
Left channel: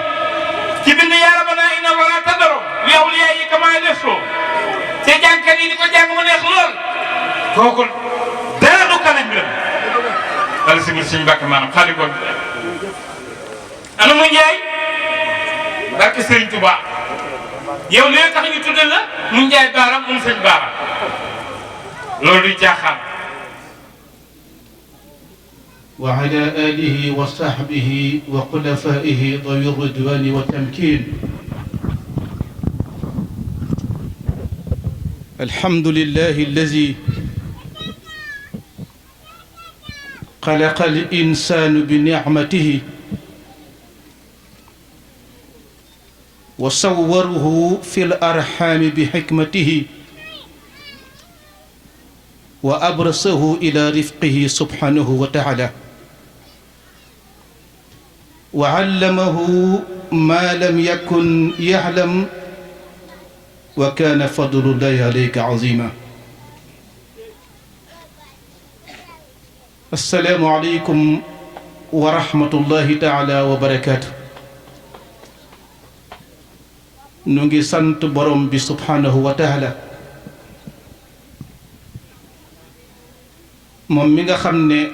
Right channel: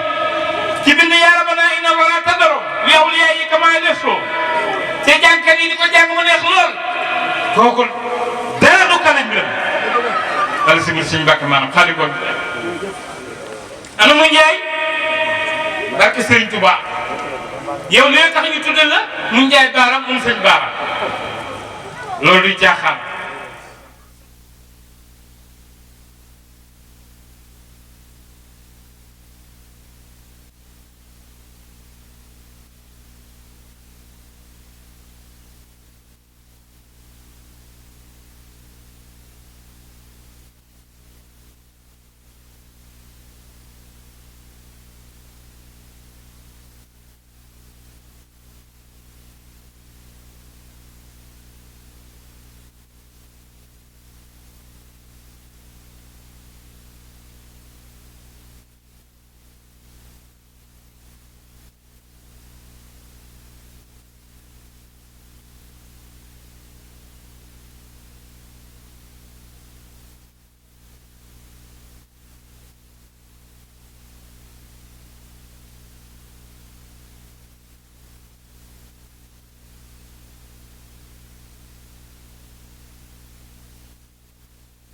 ki bind yaa rabbana inna wala tadaro li awliya yi kama desoo te jàngkat yi di ko jàng mu neex lool kooku dara du kanam bi la wala si biir suñu mbàkk maanaam xaalis kon ana mu Njaay barke Sëriñ Tuubaa yow li tax ñu tudde la mu Njaay Bara moom sëñ Bara loolu du jaaxaan وعلى آله وصحبه وخلفائه ذوي الرضوان والتمكين. الحمد لله الذي خلق الإنسان بنعمته وصوره في الأرحام بحكمته وأبرزه إلى رفقه سبحانه وتعالى وعلمه ما لم يكن يعلم وكان فضل الله عليك عظيما. السلام عليكم ورحمة الله تعالى وبركاته. نونغي سانت بروم بي سبحانه وتعالى moom mi nga xam ne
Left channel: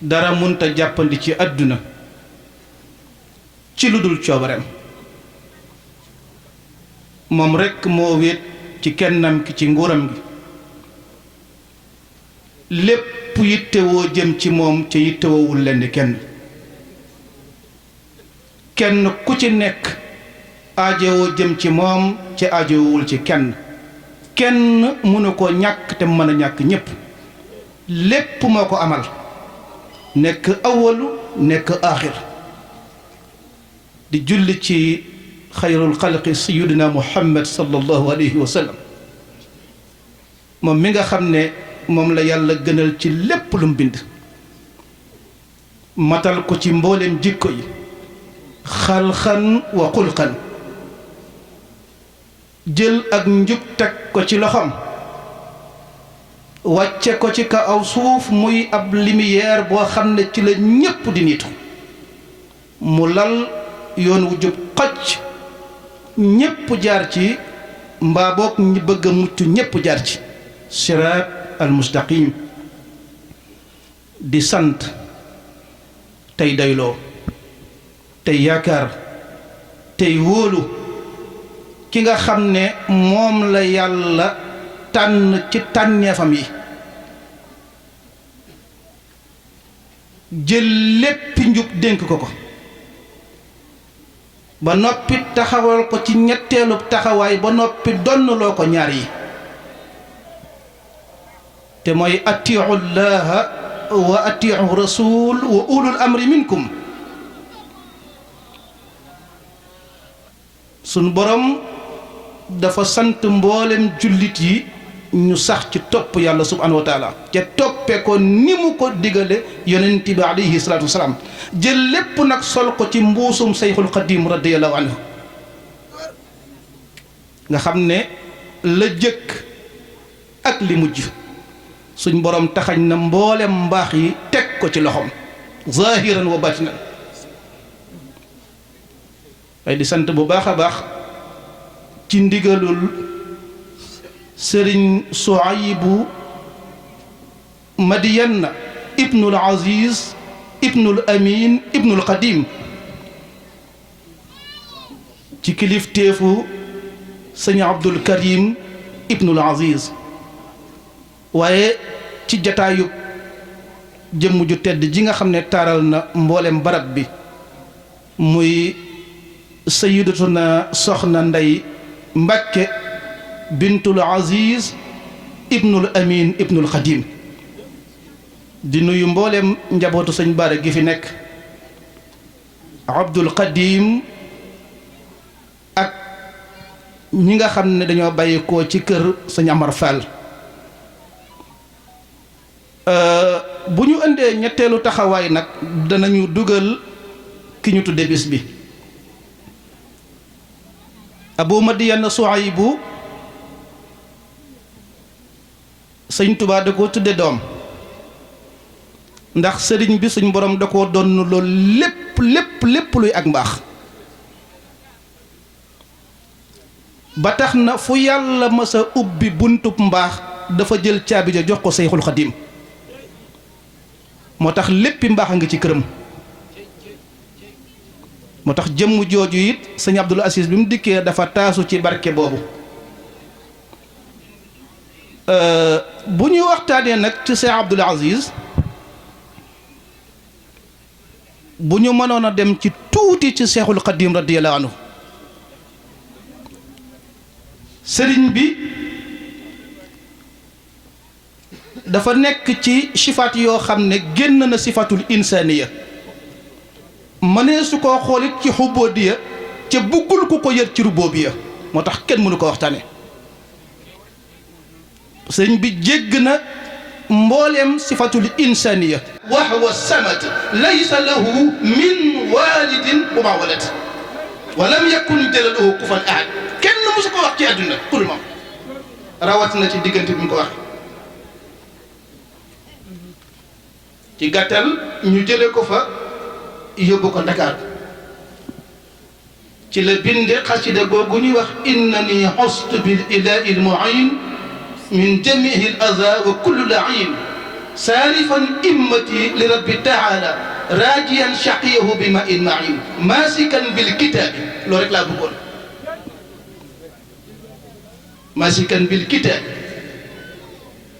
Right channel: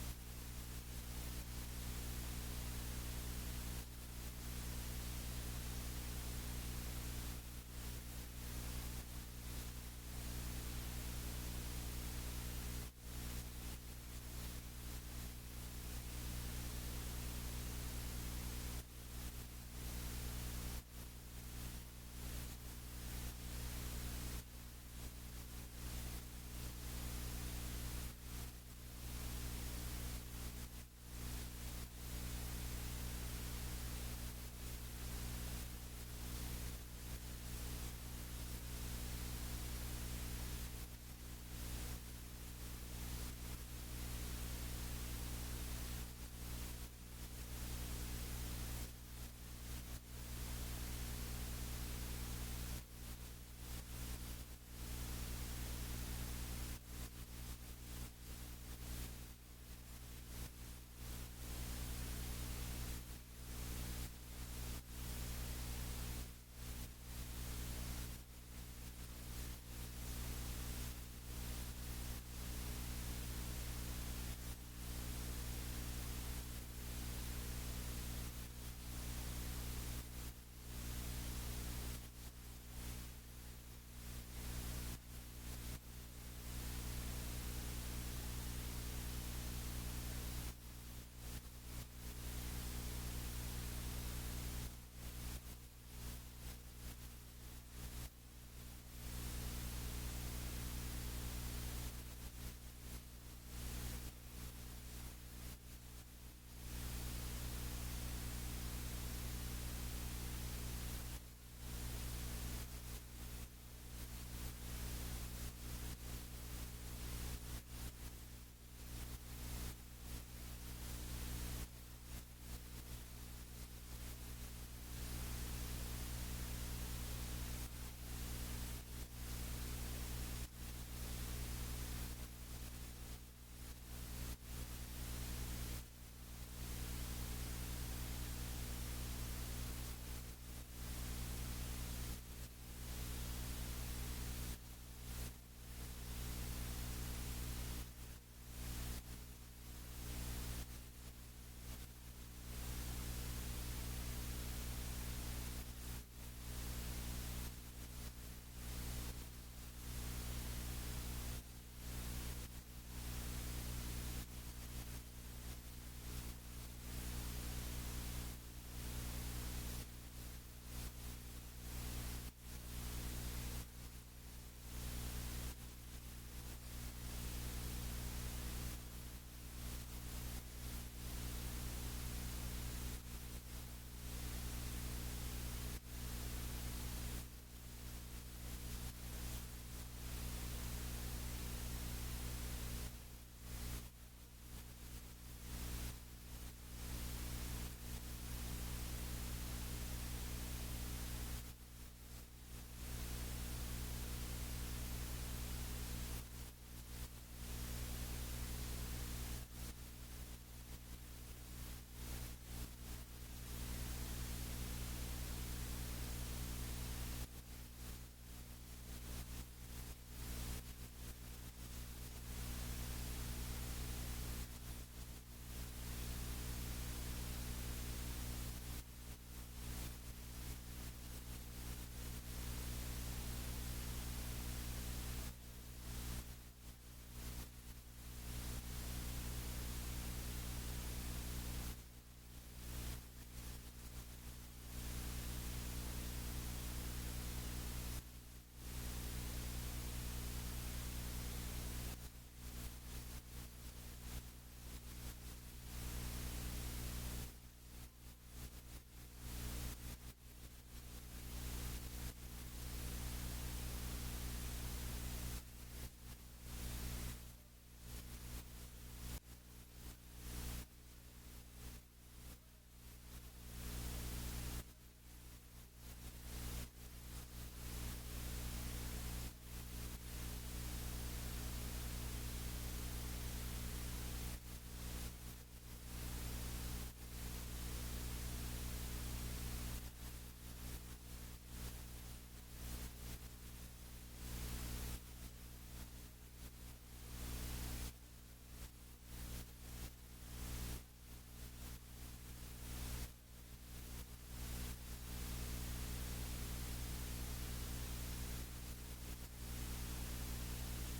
dara munta jàppandi ci àdduna ci lu dul coobareem moom rekk moo wéet ci kennam ki ci nguuram gi lépp yittewoo jëm ci moom ca yittewoowul lenn kenn kenn ku ci nekk aajowoo jëm ci moom ca aajowul ci kenn kenn mënu ko ñàkk te mën a ñàkk ñépp lépp moo ko amal nekk awalu nekk aaxir di julli ci xayrul xalqi sayyidina muhammad sallallahu alayhi wa sallam moom mi nga xam ne moom la yàlla gënal ci lépp lu mu bind matal ko ci mboolem jikko yi xalxan wa xulqan jël ak njub teg ko ci loxoom wàcce ko ci kaw suuf muy ab lumière boo xam ne ci la ñépp di nitu mu lal yoon wu jub xocc ñépp jaar ci mbaa boog ñi bëgg a mucc ñépp jaar ci siraat al mustaqim di sant tey doyloo tey yaakaar tey wóolu ki nga xam ne moom la yàlla tànn ci tànneefam yi jël léppi njub dénk ko ko ba noppi taxawal ko ci ñetteelu taxawaay ba noppi donnloo ko ñaar yi te mooy atiu llaha wa atiu rasul wa ulul amri minkum sunu borom dafa sant mboolem jullit yi ñu sax ci topp yàlla subhanahu wa taala ca toppe ko ni mu ko digale yonent bi alayhi salaatu wasalaam jël lépp nag sol ko ci mbuusum sayxul xadim radiyallahu anhu nga xam ne la jëkk ak li mujj suñ borom taxañ na mboolem mbaax yi teg ko ci loxoom zahiran wa batinan waaye di sant bu baax a baax ci ndigalul sëriñ Suaybu Madiyan ibnul Aziz ibnul Amin ibnul Qadim ci kilifteefu sëñ Abdul Karim ibnul Aziz waaye ci jataayu jëmm ju tedd ji nga xam ne taaral na mboolem barab bi muy sayyidatuna soxna Ndey Mbàkke bintul Aziz ibnul Amin ibnul Xadim di nuyu mboolem njabootu sëñ Bara gi fi nekk Abdul Xadim ak ñi nga xam ne dañoo bàyyikoo ci kër sëñ Amar Fall bu ñu indee ñetteelu taxawaay nag danañu dugal ki ñu tudde bis bi Abu Madiyan Suhaybu sëñ Tuubaa da koo tudde doom ndax sëriñ bi suñ borom da koo donn loolu lépp luy ak mbaax ba tax na fu yàlla masa ubbi buntub mbaax dafa jël caabi ja jox ko Seyxul Xadim moo tax léppi mbaax a ngi ci këram moo tax jëmm jooju it sëñ Abdul Aziz bi mu dikkee dafa taasu ci barke boobu bu ñuy waxtaanee nag ci sëñ Abdul Aziz bu ñu mënoon a dem ci tuuti ci Seexul Xadim radiyallahu anhu sëriñ bi dafa nekk ci sifaat yoo xam ne génn na sifatul insaniya mënee su koo xoolit ci xubóodiya ca buggul ku ko yër ci rubóobiya moo tax kenn mënu ko waxtaane sëriñ bi jégg na mbooleem sifatul insaniya wa huwa samad laysa lahu min walidin wa ma walad wa lam yakun lahu kufuwan ahad kenn musu ko wax ci àdduna pour moom rawat na ci diggante bi mu ko wax ci gàttal ñu jële ko fa yóbbu ko Dakar ci la binde xasida googu ñuy wax innani xustu bil ilahi lmuin min jamihi al aza wa kullu lain saarifan immati li rabbi taala raajiyan shaqiyahu bi ma in main maasikan bil kitaabi loolu rek laa bëggoon maasikan bil kitaabi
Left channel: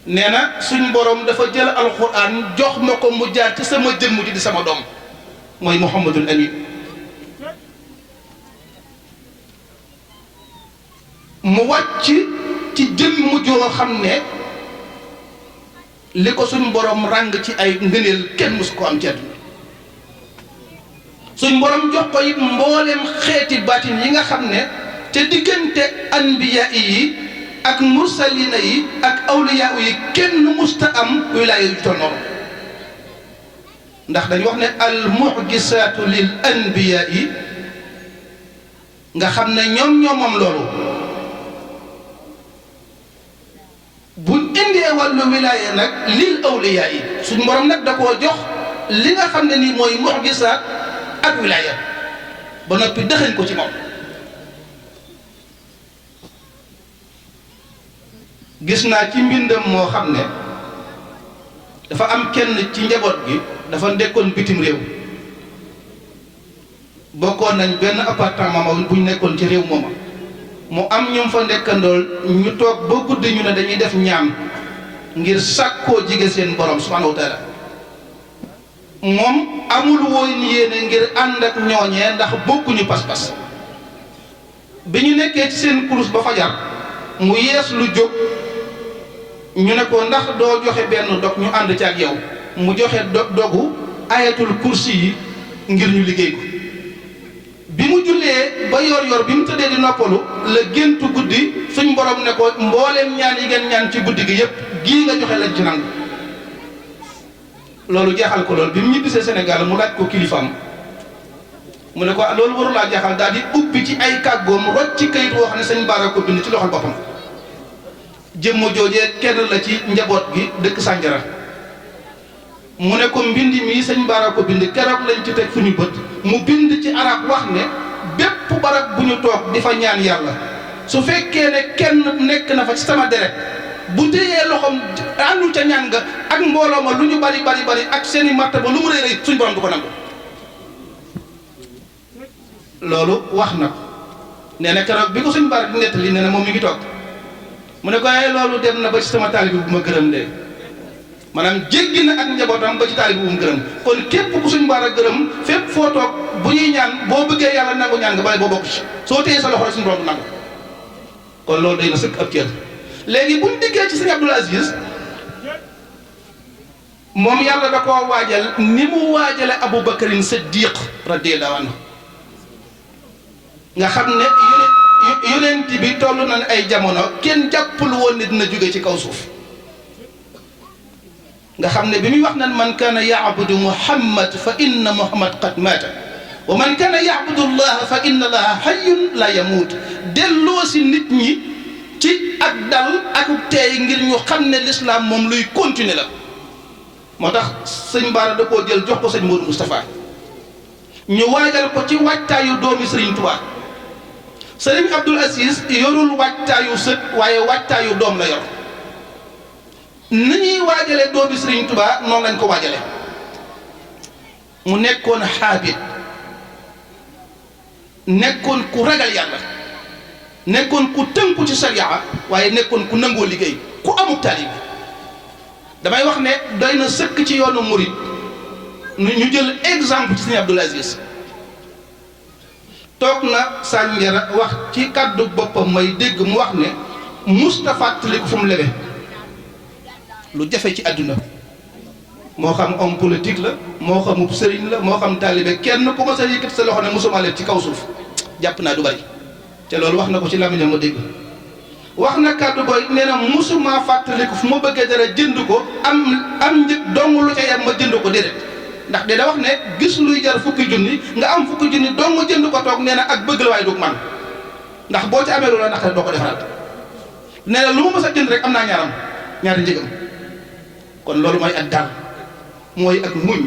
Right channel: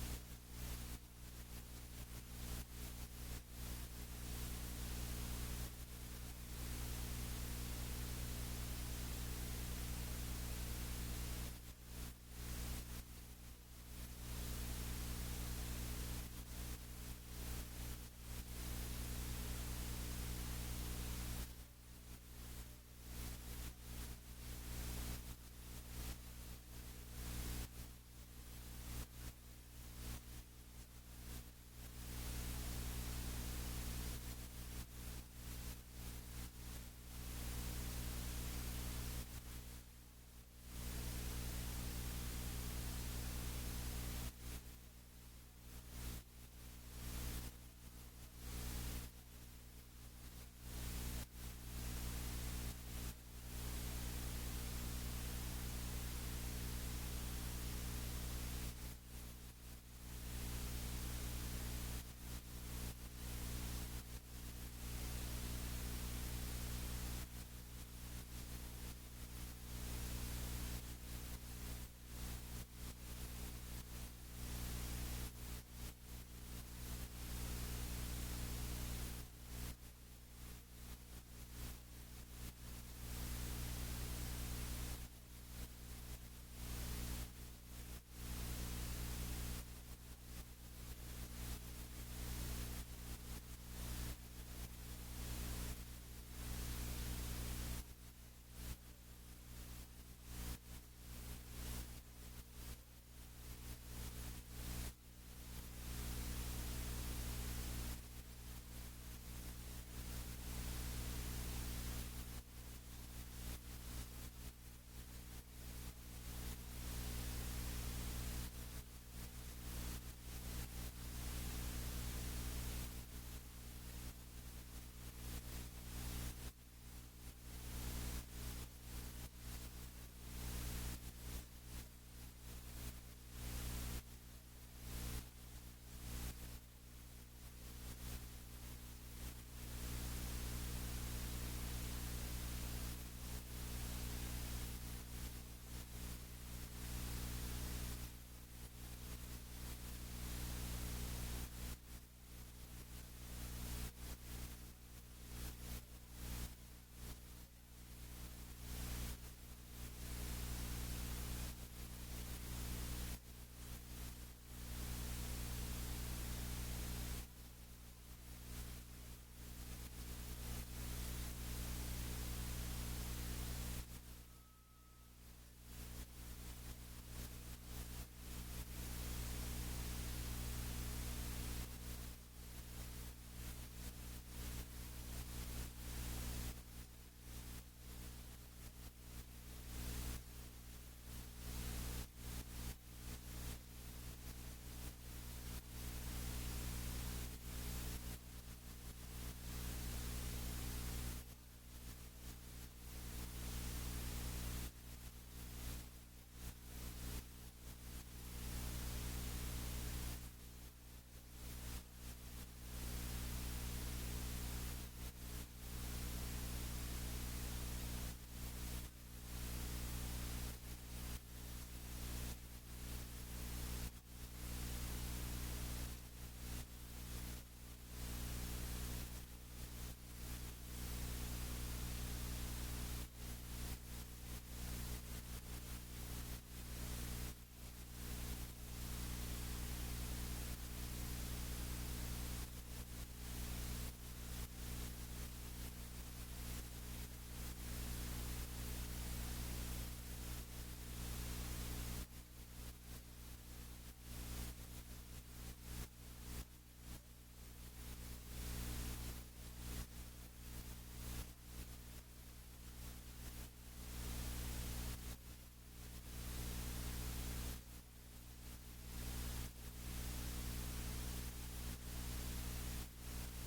nee na suñ borom dafa jël alquran jox ma ko mu jaar ci sama jëmm ji di sama doom mooy Muhammadul Amin mu wàcc ci jëmm joo xam ne li ko suñ borom ràng ci ay ngëneel kenn musu ko am ci àdduna suñ borom jox ko it mbooleem xeeti baatin yi nga xam ne te diggante anbiya yi ak mursalina yi ak awliya yi kenn musta am wilaaya yu toll noonu ndax dañu wax ne al mu'jisaatu lil anbiya yi nga xam ne ñoom moom loolu buñ indee wàllu wilaaya nag lil awliya yi suñ borom nag da koo jox li nga xam ne nii mooy mu'jisaat ak wilaaya ba noppi dëxañ ko ci moom gis naa ci mbindam moo xam ne dafa am kenn ci njaboot gi dafa nekkoon bitim réew bokkoon nañ benn appartement bu ñu nekkoon ci réew mooma mu am ñoom fa nekkandool ñu toog ba guddi ñu ne dañuy def ñaan ngir sàkkoo jige seen borom subhanahu wa taala moom amul woon yéene ngir ànd ak ñooñee ndax bokkuñu pas-pas bi ñu nekkee ci seen kurus ba fajar mu yees lu jóg ñu ne ko ndax doo joxe benn dog ñu ànd ci ak yow mu joxe dogu ayatul kursi yi ngir ñu liggéey ko bi mu jullee ba yor bi mu tëddee di noppalu la géntu guddi suñ borom ne ko mbooleem ñaan yi ngeen ñaan ci guddi gi yépp gii nga joxe lañ ci nangu loolu jeexal ko loolu bi mu ñibbisee Sénégal mu laaj ko kilifaam mu ne ko loolu warulaa jeexal daal di ubbi ci ay kàggoom rocc ci kayit woo xam ne sëñ Bara ko bind ci loxol boppam jëmmo joojee kenn la ci njaboot gi dëkk Sanjara mu ne ko mbind mi sëñ Bara ko bind keroog lañ ci teg suñu bët mu bind ci arab wax ne bépp barab bu ñu toog di fa ñaan yàlla su fekkee ne kenn nekk na fa ci sama deret bu téyee loxoom àndul ca ñaan nga ak mbooloo ma lu ñu bari ak seeni martaba lu mu rëy rëy suñ borom du ko nangu loolu wax na ko nee na keroog bi ko suñ Bara di nettali nee na moom mi ngi toog mu ne ko ay loolu dem na ba ci sama taalibe bu ma gërëm de maanaam jéggi na ak njabootam ba ci taalibe bu mu gërëm kon képp ku suñ baara gërëm fépp foo toog bu ñuy ñaan boo bëggee yàlla nangu ñaan nga bale boo bokk ci soo téyee sa loxo rek suñu borom du nangu kon loolu day na sëkk ab cër léegi buñ diggee ci sëñ Abdoul Aziz moom yàlla da koo waajal ni mu waajale Aboubacarin Siddiq radiyallahu anhu nga xam ne yonent bi toll na ay jamono kenn jàppul woon ne dina jóge ci kaw suuf nga xam ne bi muy wax nan man kaana yaabudu muhammad fa inna muhammad qad maata wa man kaana yaabudu allah fa inna allaha hayyun la yamuut delloo si nit ñi ci ak dal ak teey ngir ñu xam ne l'islam moom luy continuer la moo tax sëñ Bara da koo jël jox ko sëñ Modou Moustapha ñu waajal ko ci waajtaayu doomi Serigne Touba Serigne Abdoul Aziz yorul waajtaayu sët waaye waajtaayu doom la yor ni ñuy waajale doomi Serigne Touba noonu lañ ko waajale mu nekkoon xaabit nekkoon ku ragal yàlla nekkoon ku tënku ci sariya waaye nekkoon ku nangoo liggéey ku amuk taalib damay wax ne doy na sëkk ci yoonu murid ñu jël exemple ci Serigne Abdoul Aziz toog na Sandiara wax ci kàddu boppam may dégg mu wax ne Moustapha fàttaliku fu mu lebe lu jafe ci àdduna moo xam homme politique la moo xamub sëriñ la moo xam taalibe kenn ku ma sa yëkkati sa loxo ne mosuma leb ci kaw suuf jàpp naa du bari te loolu wax na ko ci làmmiñam ma dégg wax na kàddu booy nee na mosuma fàttaliku fu ma bëggee dara jënd ko am njëg dong lu ca yem ma jënd ko déedéet ndax de da wax ne gis luy jar fukki junni nga am fukki junni dong ma jënd ko toog nee na ak bëgg la waaye dug man ndax boo ci amee lu la naqare doo ko defaraat nee na lu ma mës a jënd rek am naa ñaari njëgam kon loolu mooy ak dal mooy ak muñ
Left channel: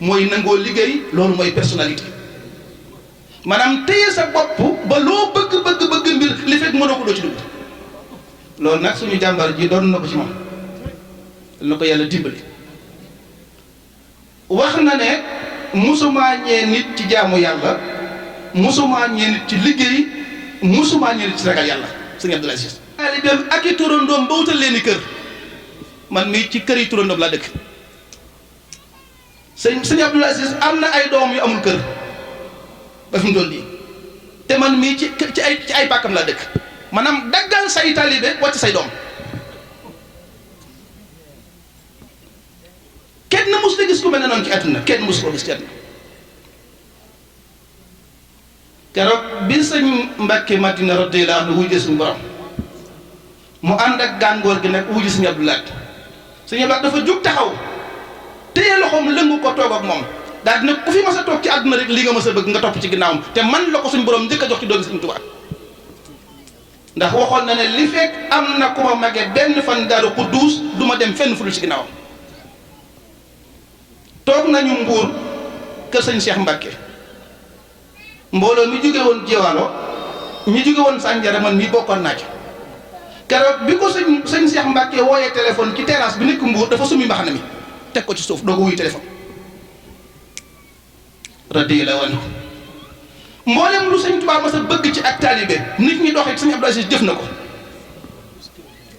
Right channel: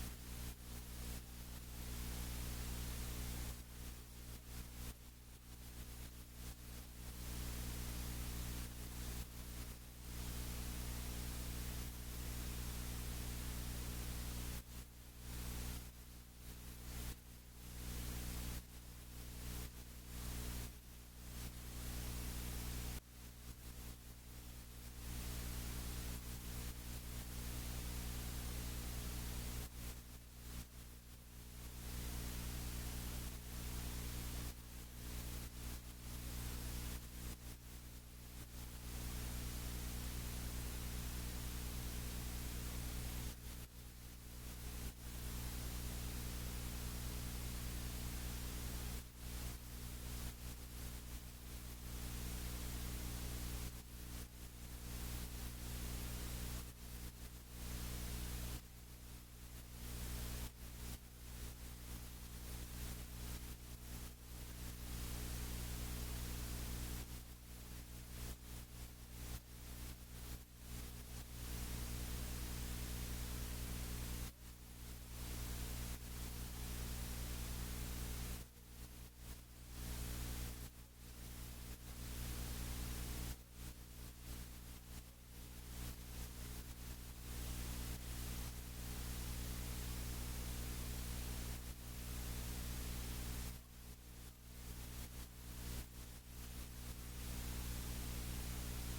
mooy nangoo liggéey loolu mooy personnalité maanaam téye sa bopp ba loo bëgg mbir li fekk mënoo ko doo ci dugg loolu nag suñu jàmbar ji doon na ko ci moom na ko yàlla dimbali wax na ne musumaa ñee nit ci jaamu yàlla musumaa ñee nit ci liggéey musumaa ñee nit ci ragal yàlla sëñ Abdoul Aziz taalibeem ak i turandoom ba wutal leen i kër man mii ci kër yi turandoom laa dëkk sëñ Abdoul Aziz am na ay doom yu amul kër ba fi mu toll nii te man mii ci ay pàkkam laa dëkk maanaam daggal say taalibe wàcc say doom kenn mus na gis ku mel ne noonu ci àdduna kenn mus koo gis ci àdduna keroog bi sëñ Mbàkke Madina radiyallaahu anhu wujjee suñu borom mu ànd ak gàngoor gi nag wujji sëñ Abdoul Ahad sëñ Abdoul Ahad dafa jug taxaw téye loxoom lëngu ko toog ak moom daal dina ku fi mas a toog ci àdduna rek li nga mas a bëgg nga topp ci ginnaawam te man la ko suñ borom njëkk a jox ci doomi Sëñ Tuubaa ndax waxoon na ne li fekk am na ku ma magee benn fan Daaru Xudduus du ma dem fenn fu dul ci ginnaawam toog nañu Mbuur kër sëñ Cheikh Mbacke mbooloo mi jóge woon Jewaalo ñi jóge woon Sandiara man mii bokkoon naa ci keroog bi ko sëñ Cheikh Mbacke wooyee téléphone ci terrasse bi nekk Mbuur dafa sumi mbaxana mi teg ko ci suuf doo ko wuy téléphone radiyallaahu anhu mboolem lu sëñ Tuubaa mas a bëgg ci ak taalibe nit ñi doxee sëñ Abdoul Aziz jëf na ko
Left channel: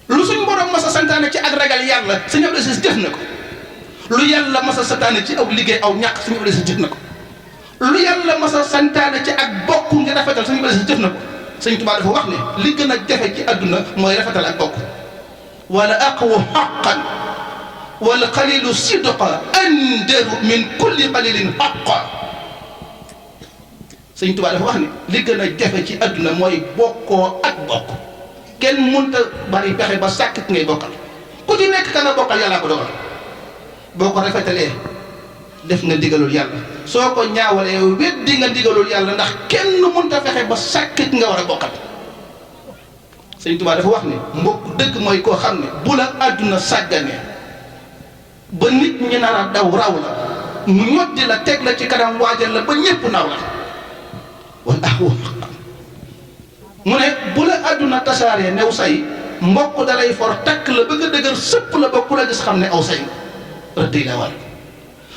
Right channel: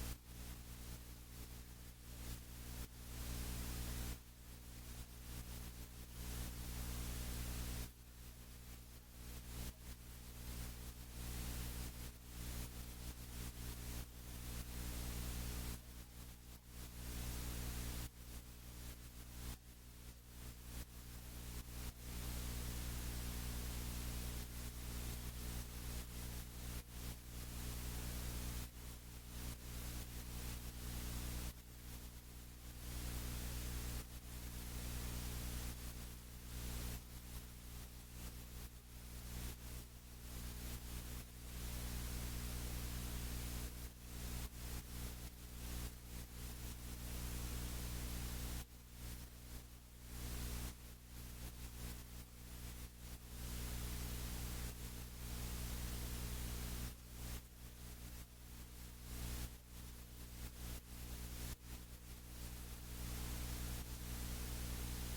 lu suñ borom mas a santaane ci ak ragal yàlla sëñ Abdoul Aziz jëf na ko lu yàlla mas a santaane ci aw liggéey aw ñàkk sëñ Abdoul Aziz jëf na ko lu yàlla mas a santaane ci ak bokk nga rafetal sëñ Abdoul Aziz jëf na ko sëñ Tuubaa dafa wax ne li gën a jafe ci àdduna mooy rafetal ak bokk wala aqwa haqqan wal qalilu sidqa andaru min kulli qalilin haqqa sëñ Tuubaa dafa wax ne li gën a jafe ci àdduna mooy bokkoo ak bokk kenn mënta bari pexe ba sàkk ngay bokkal ku ci nekk ka nga bokkal yàllaa ko dogal boo ko rafetalee def nga ndigalul yàlla soo ko ñaawalee weddi nga ndigalul yàlla ndax kenn mënta fexe ba sàkk nga war a bokkal sëñ Tuubaa dafa wax ne mbokk dëgg mooy koo xam ne bu la àdduna sàgganee ba nit ñi nar a daw raw la mu ñoddi la teg la ci kanam waajal la ba ñépp naw la wala mu ne bu la àdduna tasaaree new say mbokk dalay for takk la bëgg a dëgër sëpp la ba ku la gis xam ne aw say rëdd la war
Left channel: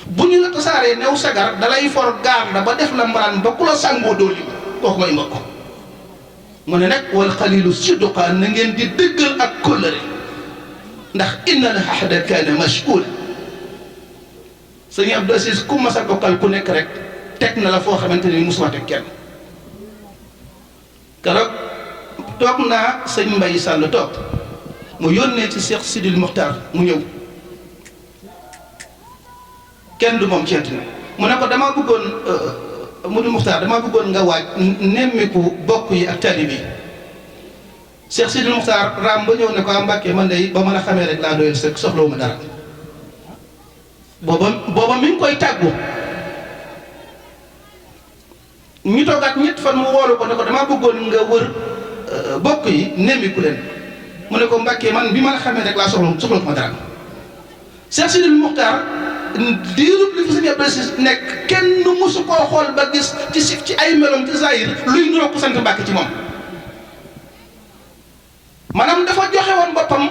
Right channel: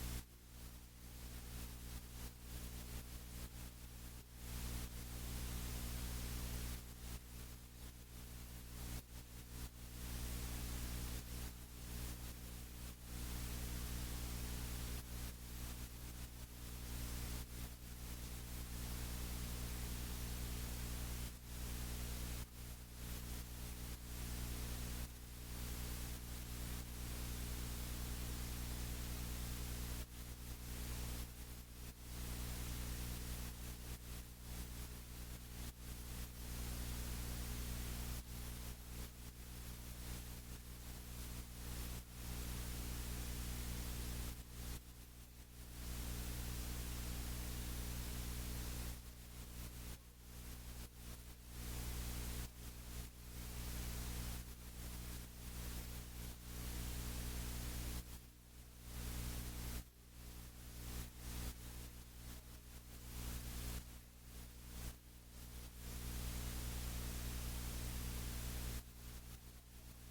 bu ñu la tasaaree new sagar dalay for gaar la ba def la mbaraan ba ku la sàngoo dooli kooku mooy mbokk mu ne nag wal xalilu sidqa na ngeen di dëggal ak kóllëre ndax innal ahda kaana mash'uula sëñ Abdou Aziz ku mas a bokkal ku nekk rek teg na la foo xamante ni musuma teg kenn keroog toog naa sëñ Mbaye Sall toog mu yónnee ci Cheikh Sidil Muxtaar mu ñëw kenn du moom ci àddina mu ne ko damaa bëggoon Modou Muxtaar damaa bëggoon nga waaj nemmiku bokk yi ak taalibe yi Cheikh Sidil Muxtaar raam ba ñëw ne ko Mbàkke man day ba mën a xamee rek laa doyal sëkk soxlawuma dara booba mi ngi koy tàggu ñu toogaat ñett fan mu woolu ko ne ko damaa bëggoon nga wër bokk yi nemmiku leen mu ne ko Mbàkke man bi ma la xamee rek laa soxlawuma dara Cheikh Sidil Muxtaar diirub li fi sëñ Abdou Aziz nekk kenn mësu koo xool ba gis ci ay meloom ci zahir luy nuroo ko sant Mbàkke ci moom maanaam dafa joxe woon boppam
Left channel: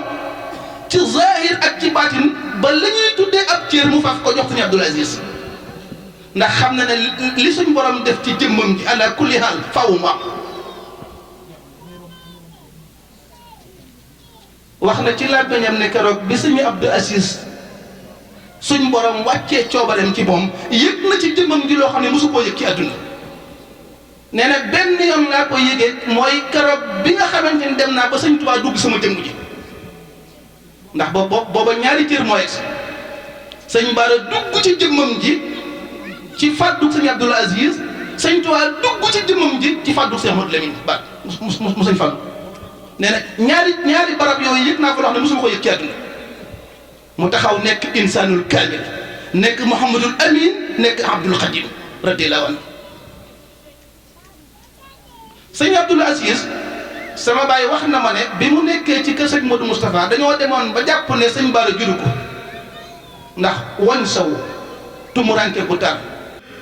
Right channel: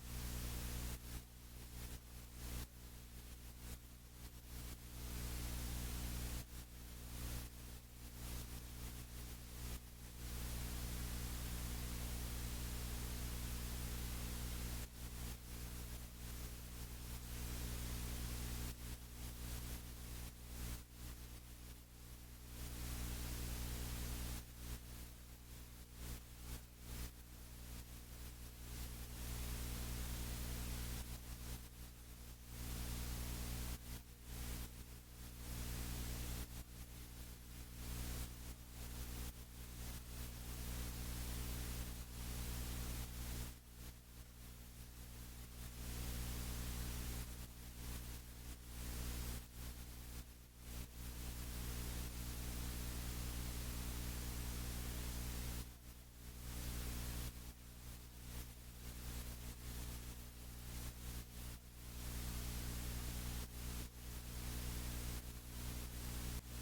ci zahir ak ci baatin ba la ñuy tuddee ab cër mu faf ko jox sëñ Abdou Aziz ndax xam na ne li suñ borom def ci jëmmam ji ala kulli haal faw mu am wax na ci làmmiñam ne keroog bi sëñ Abdou Aziz suñ borom wàccee coobareem ci moom yëg na ci jëmmam ji loo xam ne mosu koo yëg ci àdduna nee na benn yoon laa ko yëgee mooy keroog bi nga xamante ni dem naa ba sëñ Tuubaa dugg sama jëmm ji ndax booba ñaari cër moo egsi sëñ Bara dugg ci jëmmam ji ci fàddu sëñ Abdou Aziz sëñ Tuubaa dugg ci jëmmam ji ci fàddu Cheikh Modou Lamine Bara mu sëñ Fallu nee na ñaari barab yooyu yëg naa ko loo xam ne mosuma ko yëg ci àdduna mu taxaw nekk insaanul kaamil nekk Mouhamadul Amin nekk Abdul Xadim radiyallahu anhu sëñ Abdou Aziz sama baay wax na ma ne bi mu nekkee ci kër sëñ Modou Moustapha dañoo demoon ba jàpp ne sëñ Bara juru ko ndax wañ saw tumuranke bu tar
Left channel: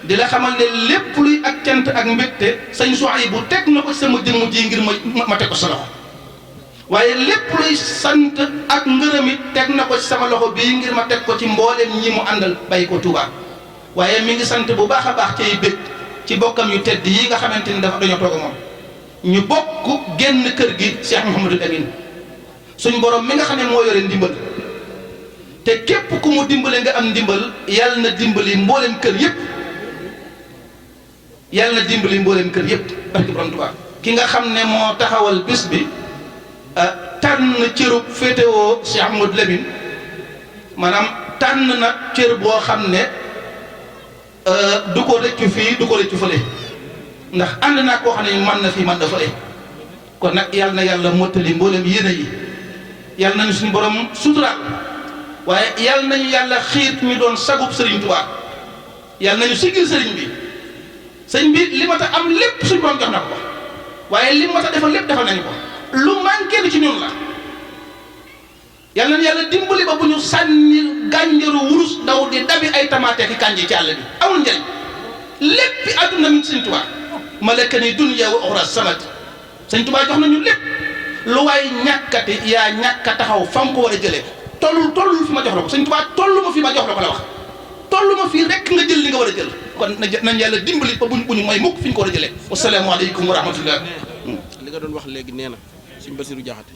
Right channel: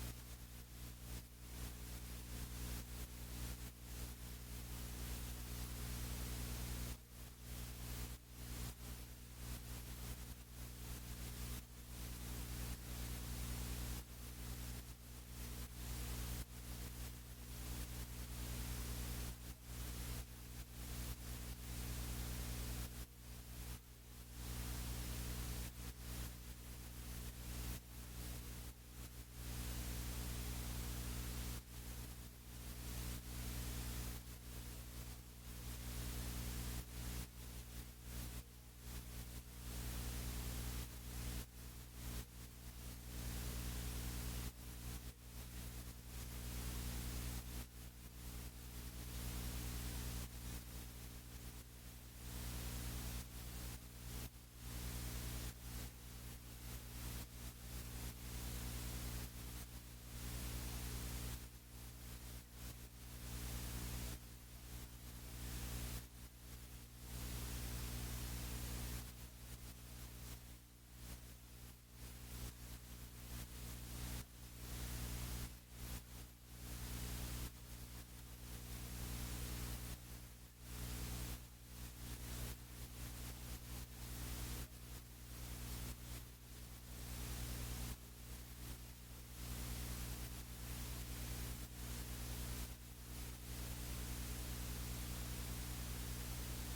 di la xamal ne lépp luy ak cant ak mbégte sëñ Souhaïbou teg na ko ci sama jëmm ji ngir ma teg ko sa loxo waaye lépp luy sant ak ngërëm it teg na ko ci sama loxo bii ngir ma teg ko ci mboolem ñi mu àndal bàyyi ko Touba waaye mi ngi sant bu baax a baax cay bég ci bokkam yu tedd yi nga xamante ni dañoo toog a moom ñu bokk génn kër gi Cheikh Mouhamadul Amin suñ borom mi nga xam ne moo yore ndimbal te képp ku mu dimbale nga am ndimbal yàlla na dimbali mboolem kër yëpp yàlla na dimbali mboolem kër yëpp barki borom Touba ki nga xam ne moo taxawal bis bi tànn cërub féetewoo Cheikh Mouhamadul Lamine maanaam tànn na cër boo xam ne du ko rëccu fii du ko rëccu fële ndax ànd naa koo xam ne man na fii man na fële kon nag yàlla na yàlla mottali mboolem yéene yi yàlla nañu suñu borom suturaal waaye yàlla nañu yàlla xiit ñu doon sagub Serigne Touba yàlla nañu siggil sëriñ bi sëñ bi li ma ta am lépp suñu borom jox na ko waaye li ma ta defal lépp defal nañu ko lu manqué ni ci ñun la yàlla na yàlla dimbali ba bu ñu sànni gànjaru wurus daw di dabi ay tamaate ki kànji ci àll bi amul njëriñ léppi àdduna mi Sëñ Tuubaa malakani dunya wa uxra samad Sëñ Tuubaa jox nañu lépp lu waay ñàkkati yaa ñàkk a taxaw fa mu ko war a jëlee tollul fi ma jox la ko Sëñ Tuubaa tollu ma fi ma jox la ko la wax tollu ma fii rek nga jël li nga war a jël kon nañ yàlla dimbali ba bu ñu may mukk fi ñu ko war a jëlee wasalaamu aleykum wa rahmatullah li nga doon wax léegi nee na Sëñ Basiru Jaxate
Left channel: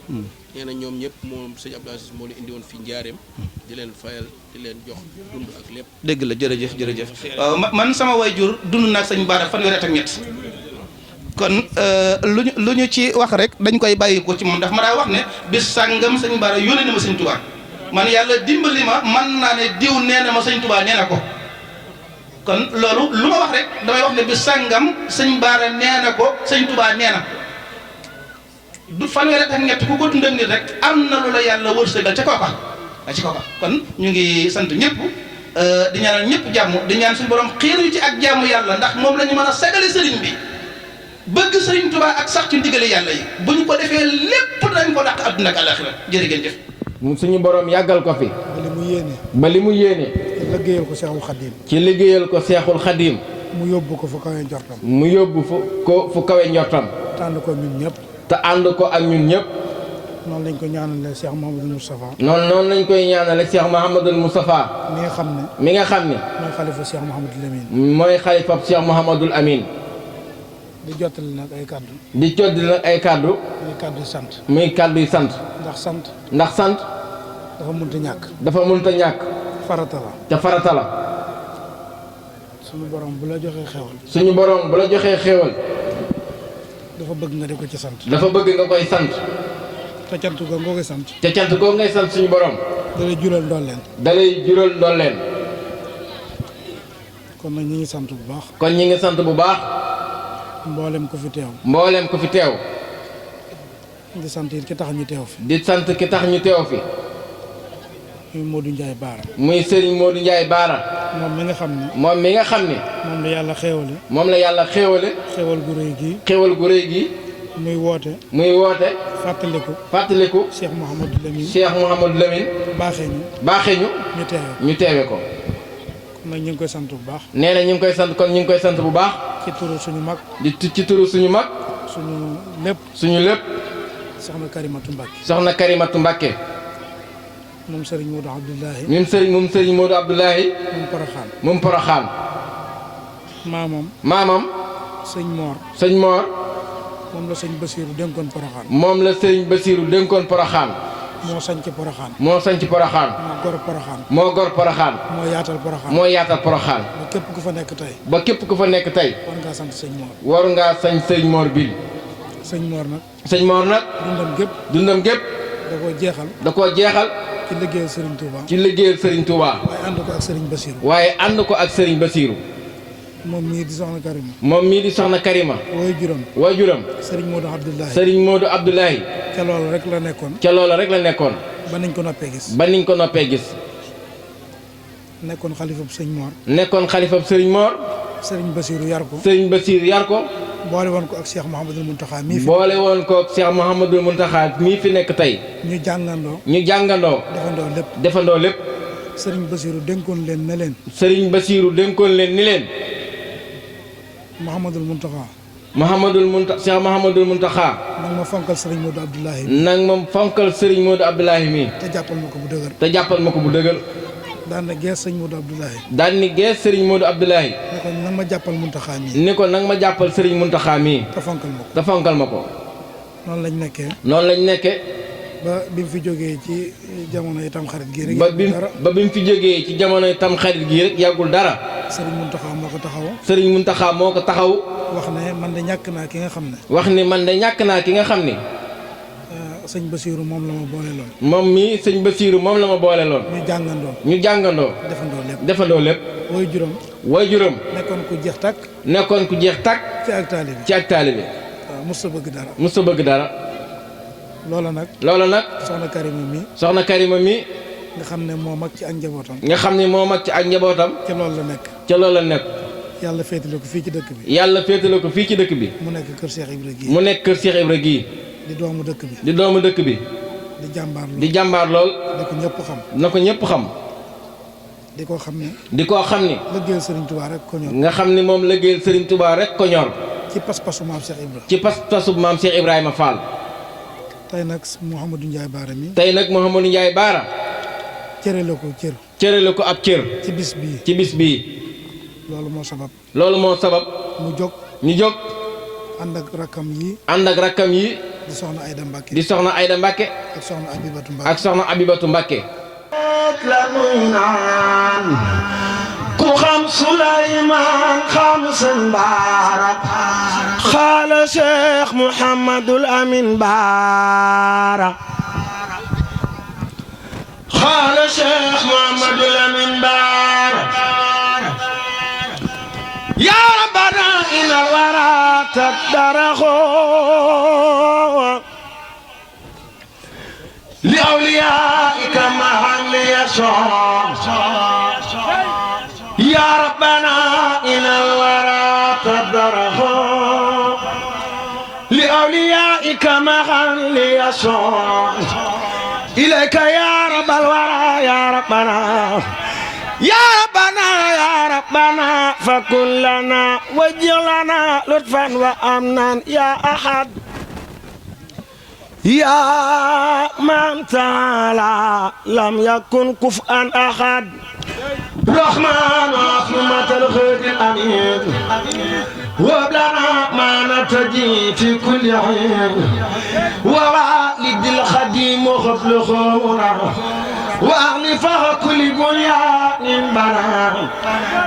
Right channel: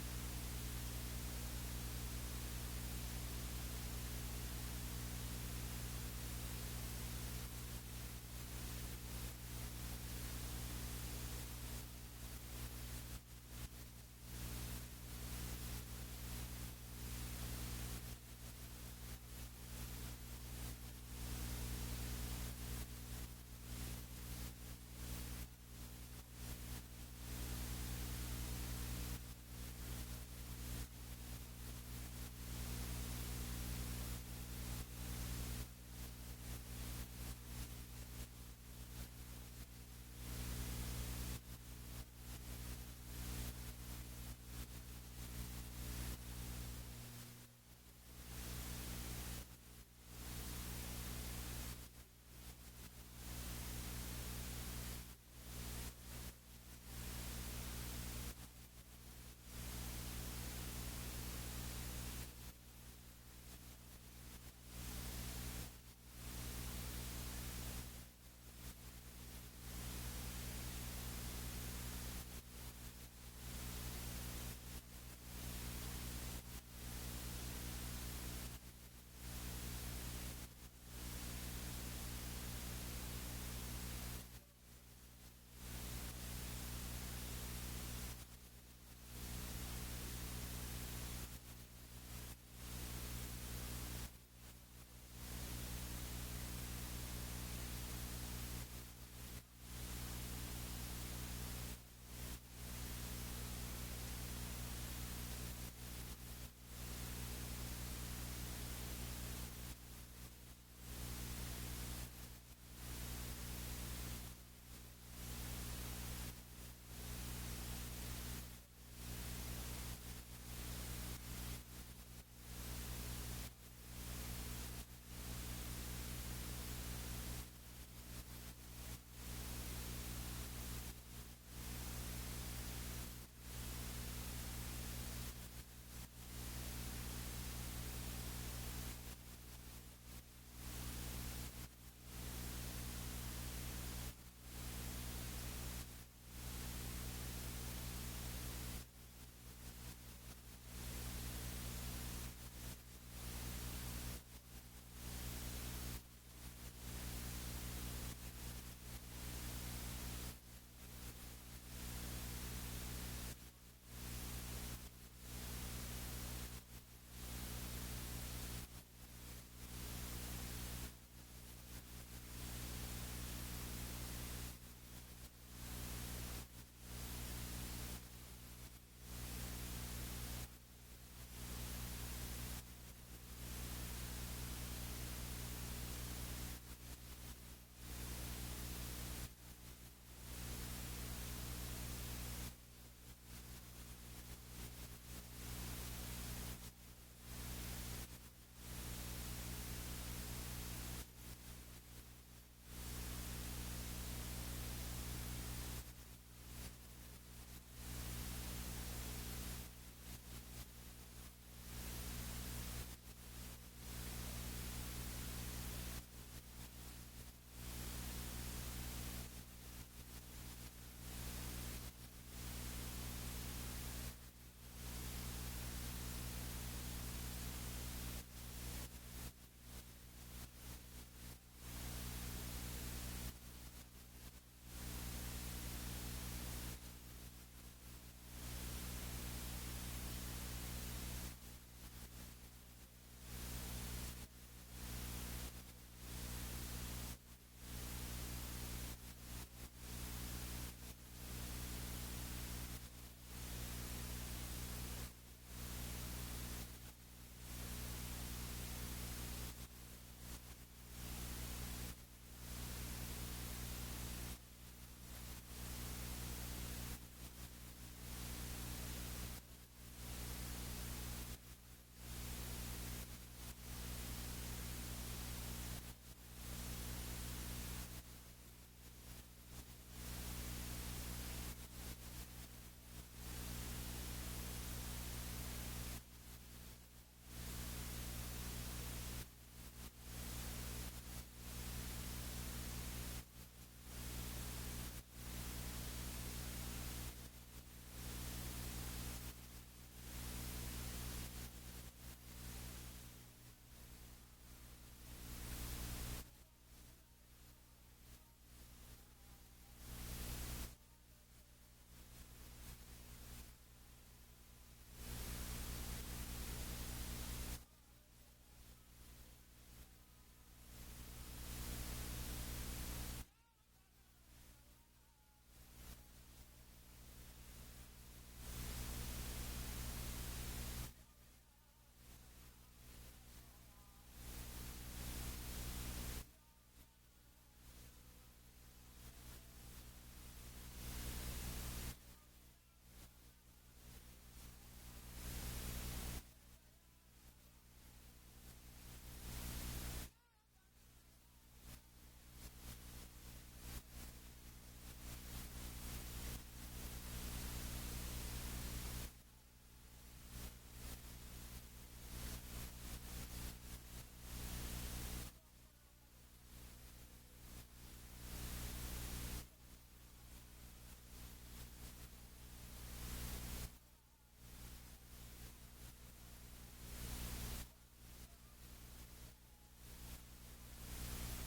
nee na ñoom ñëpp moom Sëñ Abdou Aziz moo leen indi woon fi njaareem di leen fayal di leen jox dund ak lépp dégg la jërëjëf man sama waajur dund naag Sëñ Bara fanweeri at ak ñett kon lu ñu ci wax rek dañ koy bàyyi ko ci moom ndax ma daa wax ne bis sàngam Sëñ Bara yónnee na ma Sëñ Tuubaa man yàlla dimbali ma man naa ne diw nee na ma Sëñ Tuubaa nee na ko kon loolu lu ma wax rek damay wax ne bis sàngam Sëñ Bara nee na ko Sëñ Tuubaa nee na du fanweeri ak ñett ku ko dund ak nit rek am na lu la yàlla wërsëgal ca kooka ci kooka kon ñu ngi sant ñëpp di ñaanal ñëpp jàmm di ñaan suñu borom xiir yu ci ak jàmm yàlla ndax moom la ñu mën a sagale sëriñ bi bëgg sëriñ Tuubaa ak sax ci ndigali yàlla yi bu ñu ko defee lépp dañ ko dàq àdduna ak àllaaxira jërë ngeen jëf suñu borom yàggal ko fi ba li mu yéene ci liggéeyal ko Seexul Xadiim ci liggéeyal ko Seexul Xadiim mu yóbbu ko fu kawe njortam mu yóbbu fu kawe njortam tànn ko ñun ñëpp te ànd ko ak ñun ñëpp noonu lañ ko ñaanale Cheikh Mouhamadul Moustapha noonu lañ koy ñaanale Cheikh Mouhamadul Moustapha mi nga xam ne mooy xalifa Cheikh Mouhamadul Amin mooy xalifa Cheikh Mouhamadul Amin di jottali nag ay kàddu muy kàddu muy kàddu sant muy kàddu yi sant ndax sant dafa mënta ñàkk. dafa mënta ñàkk. farata la. te farata la. suñu borom bu la joxee xewal. suñu borom bu la joxee xewal. dafa bëgg nga di ko ci sant. dafa bëgg nga koy sant. te cant googu nga koy sant. te cant googu ngay sant suñu borom. dalay jural ndolleen. dalay jural ndolleen. kon nag ñi ngi sant bu baax. kon ñi ngi sant bu baax. mboolem ko fi teew. mboolem ko fi teew. di sant it ki tax ñu teew fi. di sant ki tax ñu teew fi. muy Modou Ndiaye Baara. muy Serigne Modou Ndiaye Baara. moom mi nga xam ne. moom mi nga xam ne. moom la yàlla xéewale. moom la yàlla xéewale. xéewal gu rëy gii. xéewal gu rëy gii. muy woote. muy woote. fàttaliku. fàttaliku. Cheikh Mouhamadou Lamine. Cheikh Mouhamadou Lamine. baaxee ñu. baaxee ñu. ñu teewe. ñu teewe ko. kon nag ñu ngi koy sant bu baax. nee na ñu ngi koy sant kon ñu ngi koy sant bu baax. ci turu suñu mag. ci turu suñu mag. suñu lépp. suñu lépp. soxna Karimatu Mbacke. soxna Karimatu Mbacke. moom Serigne Modou Abdoulahi. moom Serigne Modou Abdoulahi. moom Poroxaan. moom Poroxaan. maamam. maamam. sëñ Mor. sëñ Mor. moom la sëñ Basiiru dénkoon Poroxaan. moom la sëñ Basiiru dénkoon Poroxaan. moo sañc Poroxaan. moo sañc Poroxaan. moo gor Poroxaan. moo gor Poroxaan. moo yaatal Poroxaan. moo yaatal Poroxaan. ba képp ku fa nekk tey. ba képp ku fa nekk tey. war ngaa sant sëñ Mor. war ngaa sañ sëñ Mor bii. sëñ Mor nag. sëñ Mor nag. dundam gépp. dundam gépp. da koo jeexal. da koo jeexal. ci liggéeyal Serigne Touba. ci liggéeyal Serigne Touba. waaye ànd ko ak Serigne Basiiru. waaye ànd ko ak Serigne Basiiru. moom mii di soxna Karima. moom mii di soxna Karima. waajuram. Serigne Modou Abdoulahi. Serigne Modou Abdoulahi. ca loola rek la nekkoon. ca loola rek la nekkoon. ba niñ ko noppee gis. ba niñ ko noppee gis. nekkoon xalifab sëñ Mor. nekkoon xalifab Serigne Mor. Serigne Basiiru yar ko. Serigne Basiiru yar ko. boole woon ko ak Cheikh Mouhamadul Mountakha mii fi. boole woon ko ak Cheikh Mouhamadul Mountakha mii fi nekk tey. ñu jàngandoo. ñu jàngandoo. defandoo lépp. defandoo lépp. Serigne Basiiru dénkoon leen ne leen. Serigne Basiiru dénkoon leen ni leen. Mouhamadul Mountakha. Cheikh Mouhamadul Mountakha. nag ma fonkal Serigne Modou Abdoulahi. nag ma fonkal Serigne Modou Abdoulahi mii. te jàppal ma ko bu dëgër. te jàppal ma ko bu dëgër. daan na gees sëñ Modou Abdoulahi. daan ni gees Serigne Modou Abdoulahi. ne ko nag ma jàppal Mountakha mii. ni ko nag ma jàppal Serigne Mountakha mii. te fonkal ma ko. te fonkal ma ko. noonu lañ nekkee. noonu lañ nekkee. ba bi mu fi jógee ci jamono itam xarit gii rek. ba bi mu fi jógee ci jamono itam xarit gii rek yàggul dara. Serigne Mountakha moo ko taxaw. Serigne Mountakha moo ko taxaw. wax ne man de ñàkk naa ki nga xam ne. wax ni man de ñàkk naa ki nga xam ni. sëñ Basiiru moom la ma boole loon. moom mii sëñ Basiiru moom la ma boole loon. ñu jàngandoo. ñu jàngandoo. defandoo lépp. defandoo lépp. way juróom. way juróom. nekkoon ku jeex tàkk. nekkoon ku jeex tàkk. ci ak taalibe. ci ak taalibe. waaw mos a bëgg dara. mos a bëgg dara. loola nag. loola nag. soxna Karima mii. soxna Karima mii. nga xam ne moo mag ci ak njabootam. nga xam ne moo mag ci ak njabootam. ca loolu la nekk. ca loolu la nekk. yàlla féetale ko fii ci dëkk bi. yàlla féetale ko fii ci dëkk bi. mu nekk kër Cheikh Ibra gii. mu nekk kër Cheikh Ibra gii. di doomu dëkk bi. di doomu dëkk bi. di jàmbaar lool. di jàmbaar lool. di ko ñëpp xam. na ko ñëpp xam. di ko xam ne. di ko xam ni. liggéeyal Serigne Touba rek ko ñor. nga xam ni moom liggéeyal Serigne Touba rek ko ñor. ci pas-pasu maam Cheikh Ibra. ci pas-pasu maam Cheikh Ibrahima Fall. tey nag Mouhamadou Ndiaye Baara mi. tey nag Mouhamadou Ndiaye Baara. cëre la ko cër. cëre la ko ab cër. ci bis bii. ci bis bii. loolu moo sabab. loolu moo sabab. mu jóg. ñu jóg. ànd ak rakkam yi. ànd ak rakkam yi. di soxna Ayda Mbacke. di soxna Ayda Mbacke. ak soxna Abibatu Mbacke. ak soxna Abibatu Mbacke. la nuy naan ku xam Suleymaan xam sëñ Baara xaala Cheikh Mouhamadul Amin Baara xaala Cheikh Mouhamadul Amin Baara yaa rabbana inal wara taddaraxo li awliyaika mahan yasoo yaa rabbana inal wara taddaraxo li awliyaika mahan yasoo إليك يا رب الورى يا ربنا يا ربنا يا ربنا فكن لنا واجعل لنا لطفا وأمنا يا أحد يا من تعالى لم يكن كفءا أحد رحمن رحمة الخير الأمين وابلنا ما نتجي في كل حين ووالد الخديم وخفل خورا واغلف كل بنيان بنا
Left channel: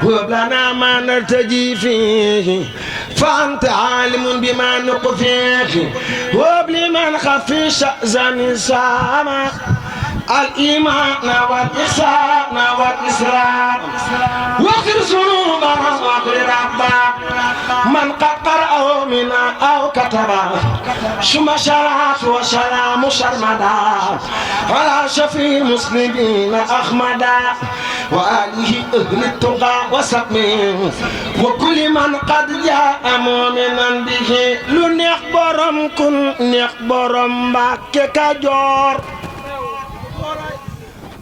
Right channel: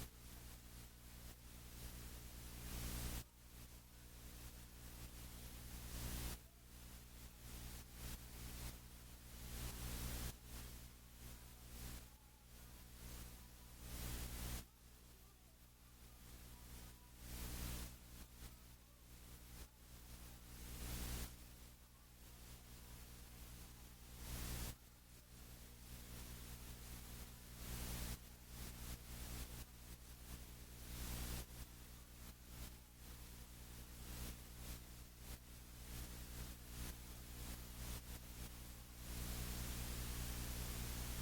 هب لنا ما نرتجي فيه فأنت عالم بما نقفيه هب لمن خفي شأزان سامح الإيمان والإحسان والإسلام واغفر ذنوبنا واغفر ربنا من قد قرأه منا أو كتبه ثم شرعت وسلام سرمدا على شفيع المسلمين أحمدا وآله أهل التقى وسقمه وكل من قد جاء مؤمنا به لنخبرم كن نخبرم باك كجور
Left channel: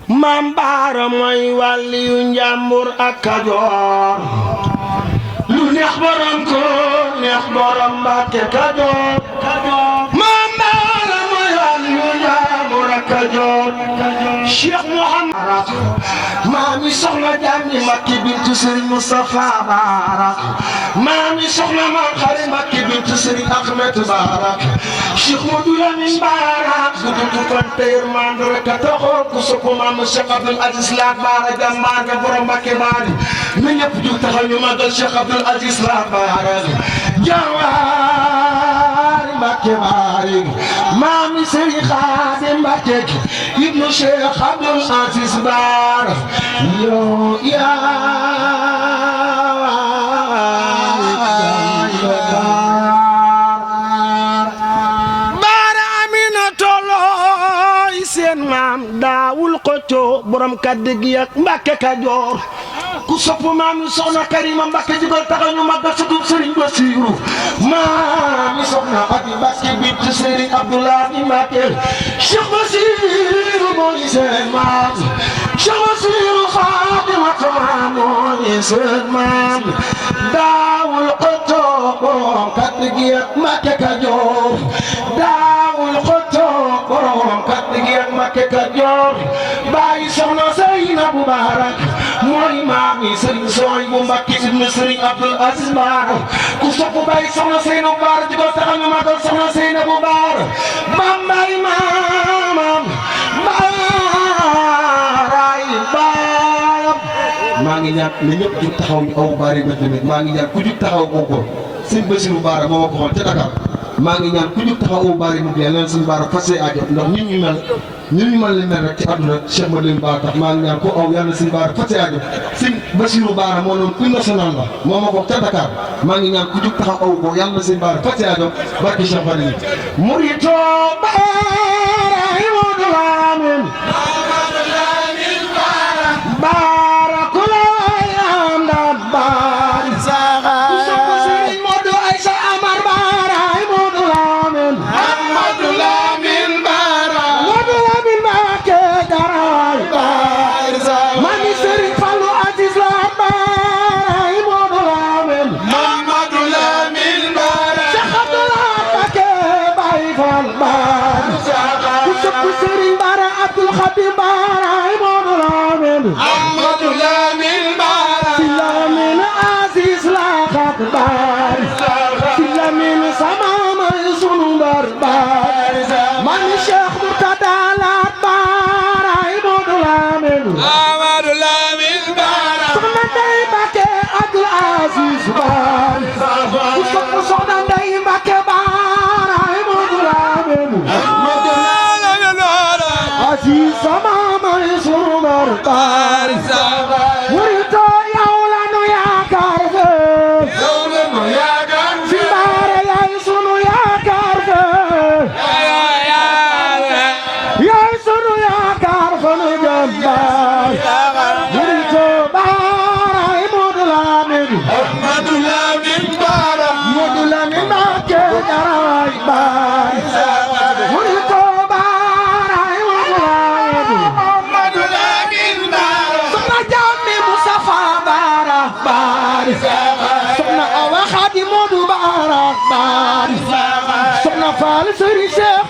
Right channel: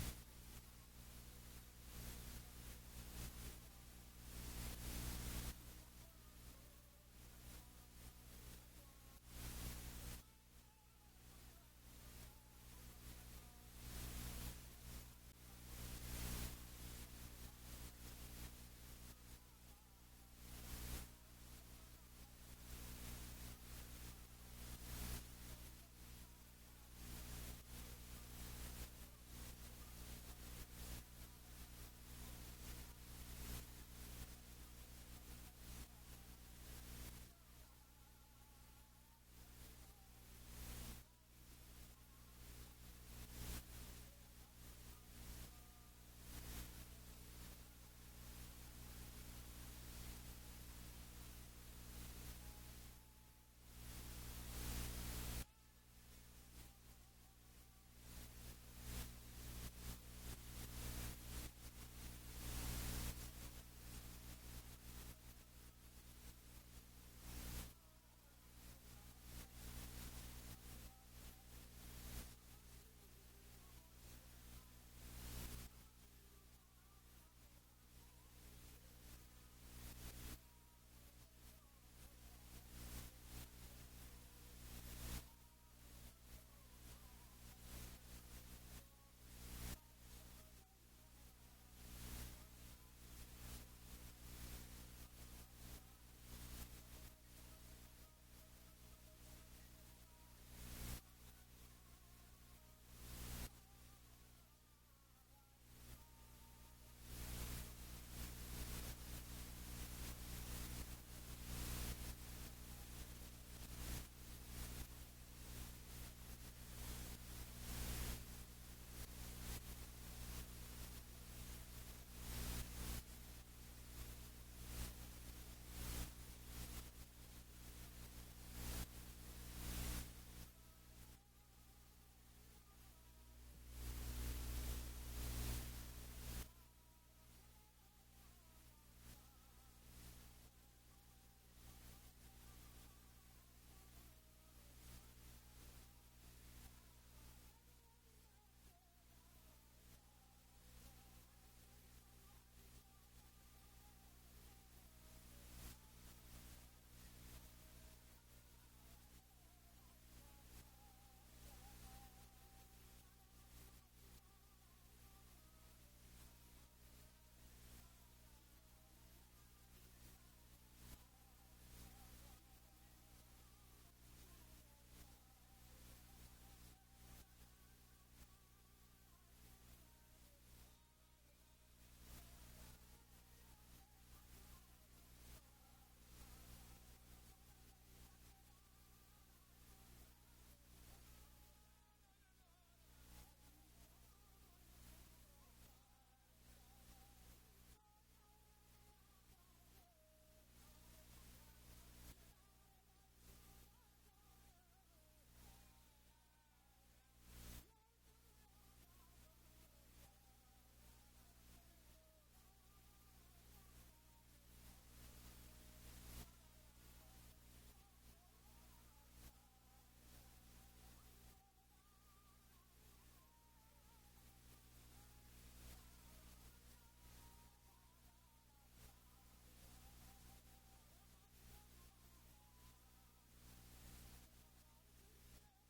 Maam Baara mooy wàlliyu njàmbur ak Kajoor lu neex borom ko neex borom Mbàkke Kajoor Maam Baara mooy wàlliyu njàmbur ak Kajoor Cheikh Mouhamad maami soxna Jaami Mbàkke bintu Sëriñ Moustapha Barak maami soxna Maam Xari Mbàkke bintu Sëriñ Ahmed Barak Cheikh Modou Lamine Barak dudu konte yërmande rek a taxoon ku sopp maam Cheikh Abdoul Aziz La Bara jàmbaar ga borom Mbàkke baari na ñëpp jug taxaw ñu magal Cheikh Abdoul Aziz La Bara jàmbaar Mbàkke baari maami Sëriñ Xaadim Mbàkke ibnu Cheikh Abdoul Aziz Bara yow daawul xëccoo borom kàddu gi ak Mbàkke Kajoor ku sopp maami soxna Karima Mbàkke jugal taxaw ñu màggal sutub Sëriñ Basiru maami soxna Abi Mbàkke bintu Sëriñ Abdoulaye Mbàkke Cheikh Basiru mooy seen maam Cheikh Basiru Fatimatu mooy seen maam daawul xëccoo borom kàddu gi ak Mbàkke Kajoor daawul xëccoo borom kàddu gi ak Mbàkke Kajoor bàyyi soxna Seynabu Barak mooy maami Sëriñ Suwaybu Mbàkke ibnu Sëriñ Abdoul Aziz Barak ku sopp bàyyi soxna Seynabu Barak di ko taxaw ñu magal soxna Seynabu Barak bambay maamam baaraay baayam maa ngi ñaan ne ñëpp jug taxaw ñu aw baari ba tamit maa ngi ñaan ku jug taxaw ko ko sëñ Basiru Baara moo ma ko xool ca Dakar maa ngi ñaan ku jug taxaw aw baari mu leen leen sëñ Baara fas aajo ndax nit ñu mel li mel rek ci àdduna Cheikh Madeleine Ba tax maa ngi ñaan ko aw yàlla sëñ Baara fas aajo sëñ Basiru Baara moo noonu une national la moo ma ko ca Dakar maa ngi ñaan ku jug taxaw aw ko yàlla sëñ Baara fas aajo barki Cheikh Madeleine murito Baara Modou Lamine Baara kula yam da baari saga ku sopp Sëriñ Modou Aïssa Amar Baara Modou Lamine Modou Lamine Baara Modou Lamine Mbàkke Garaay baari saga mami Sëriñ Fallu Aziz La Baara Modou Lamine Modou Lamine Baara Cheikh Abdoulaye Mbàkke Baay Fall baari saga ku sopp Sëriñ Baara Abdoul Khadim Baara Modou Lamine Modou Lamine Baara si Lamine Aziz La Xat baari si Lamine sama may sunu mbar baari man Cheikh Murtada Laat Baara Modou Lamine Modou Lamine Baara soxna Ndey Mbàkke Abdoul Aziz baari ku sopp soxna Ndey Mbàkke Baara Modou Lamine Modou Lamine Baara Aziz sama may sunu mbar baari murito yow la nu yaakaar fe yow la nu yaakaar fi Baara yaay sunu yaakaar fe yaay sunu yaakaar fa nu jëm baar murito Baara Modou Lamine Modou Lamine Baara Modou Lamine Mbàkke Garaay baar murito Baara Modou Lamine soxna Jaami Mustafa Baara baari soxna Awa Xaadi Modou Baara baari soxna Faal Sëriñ Cheikh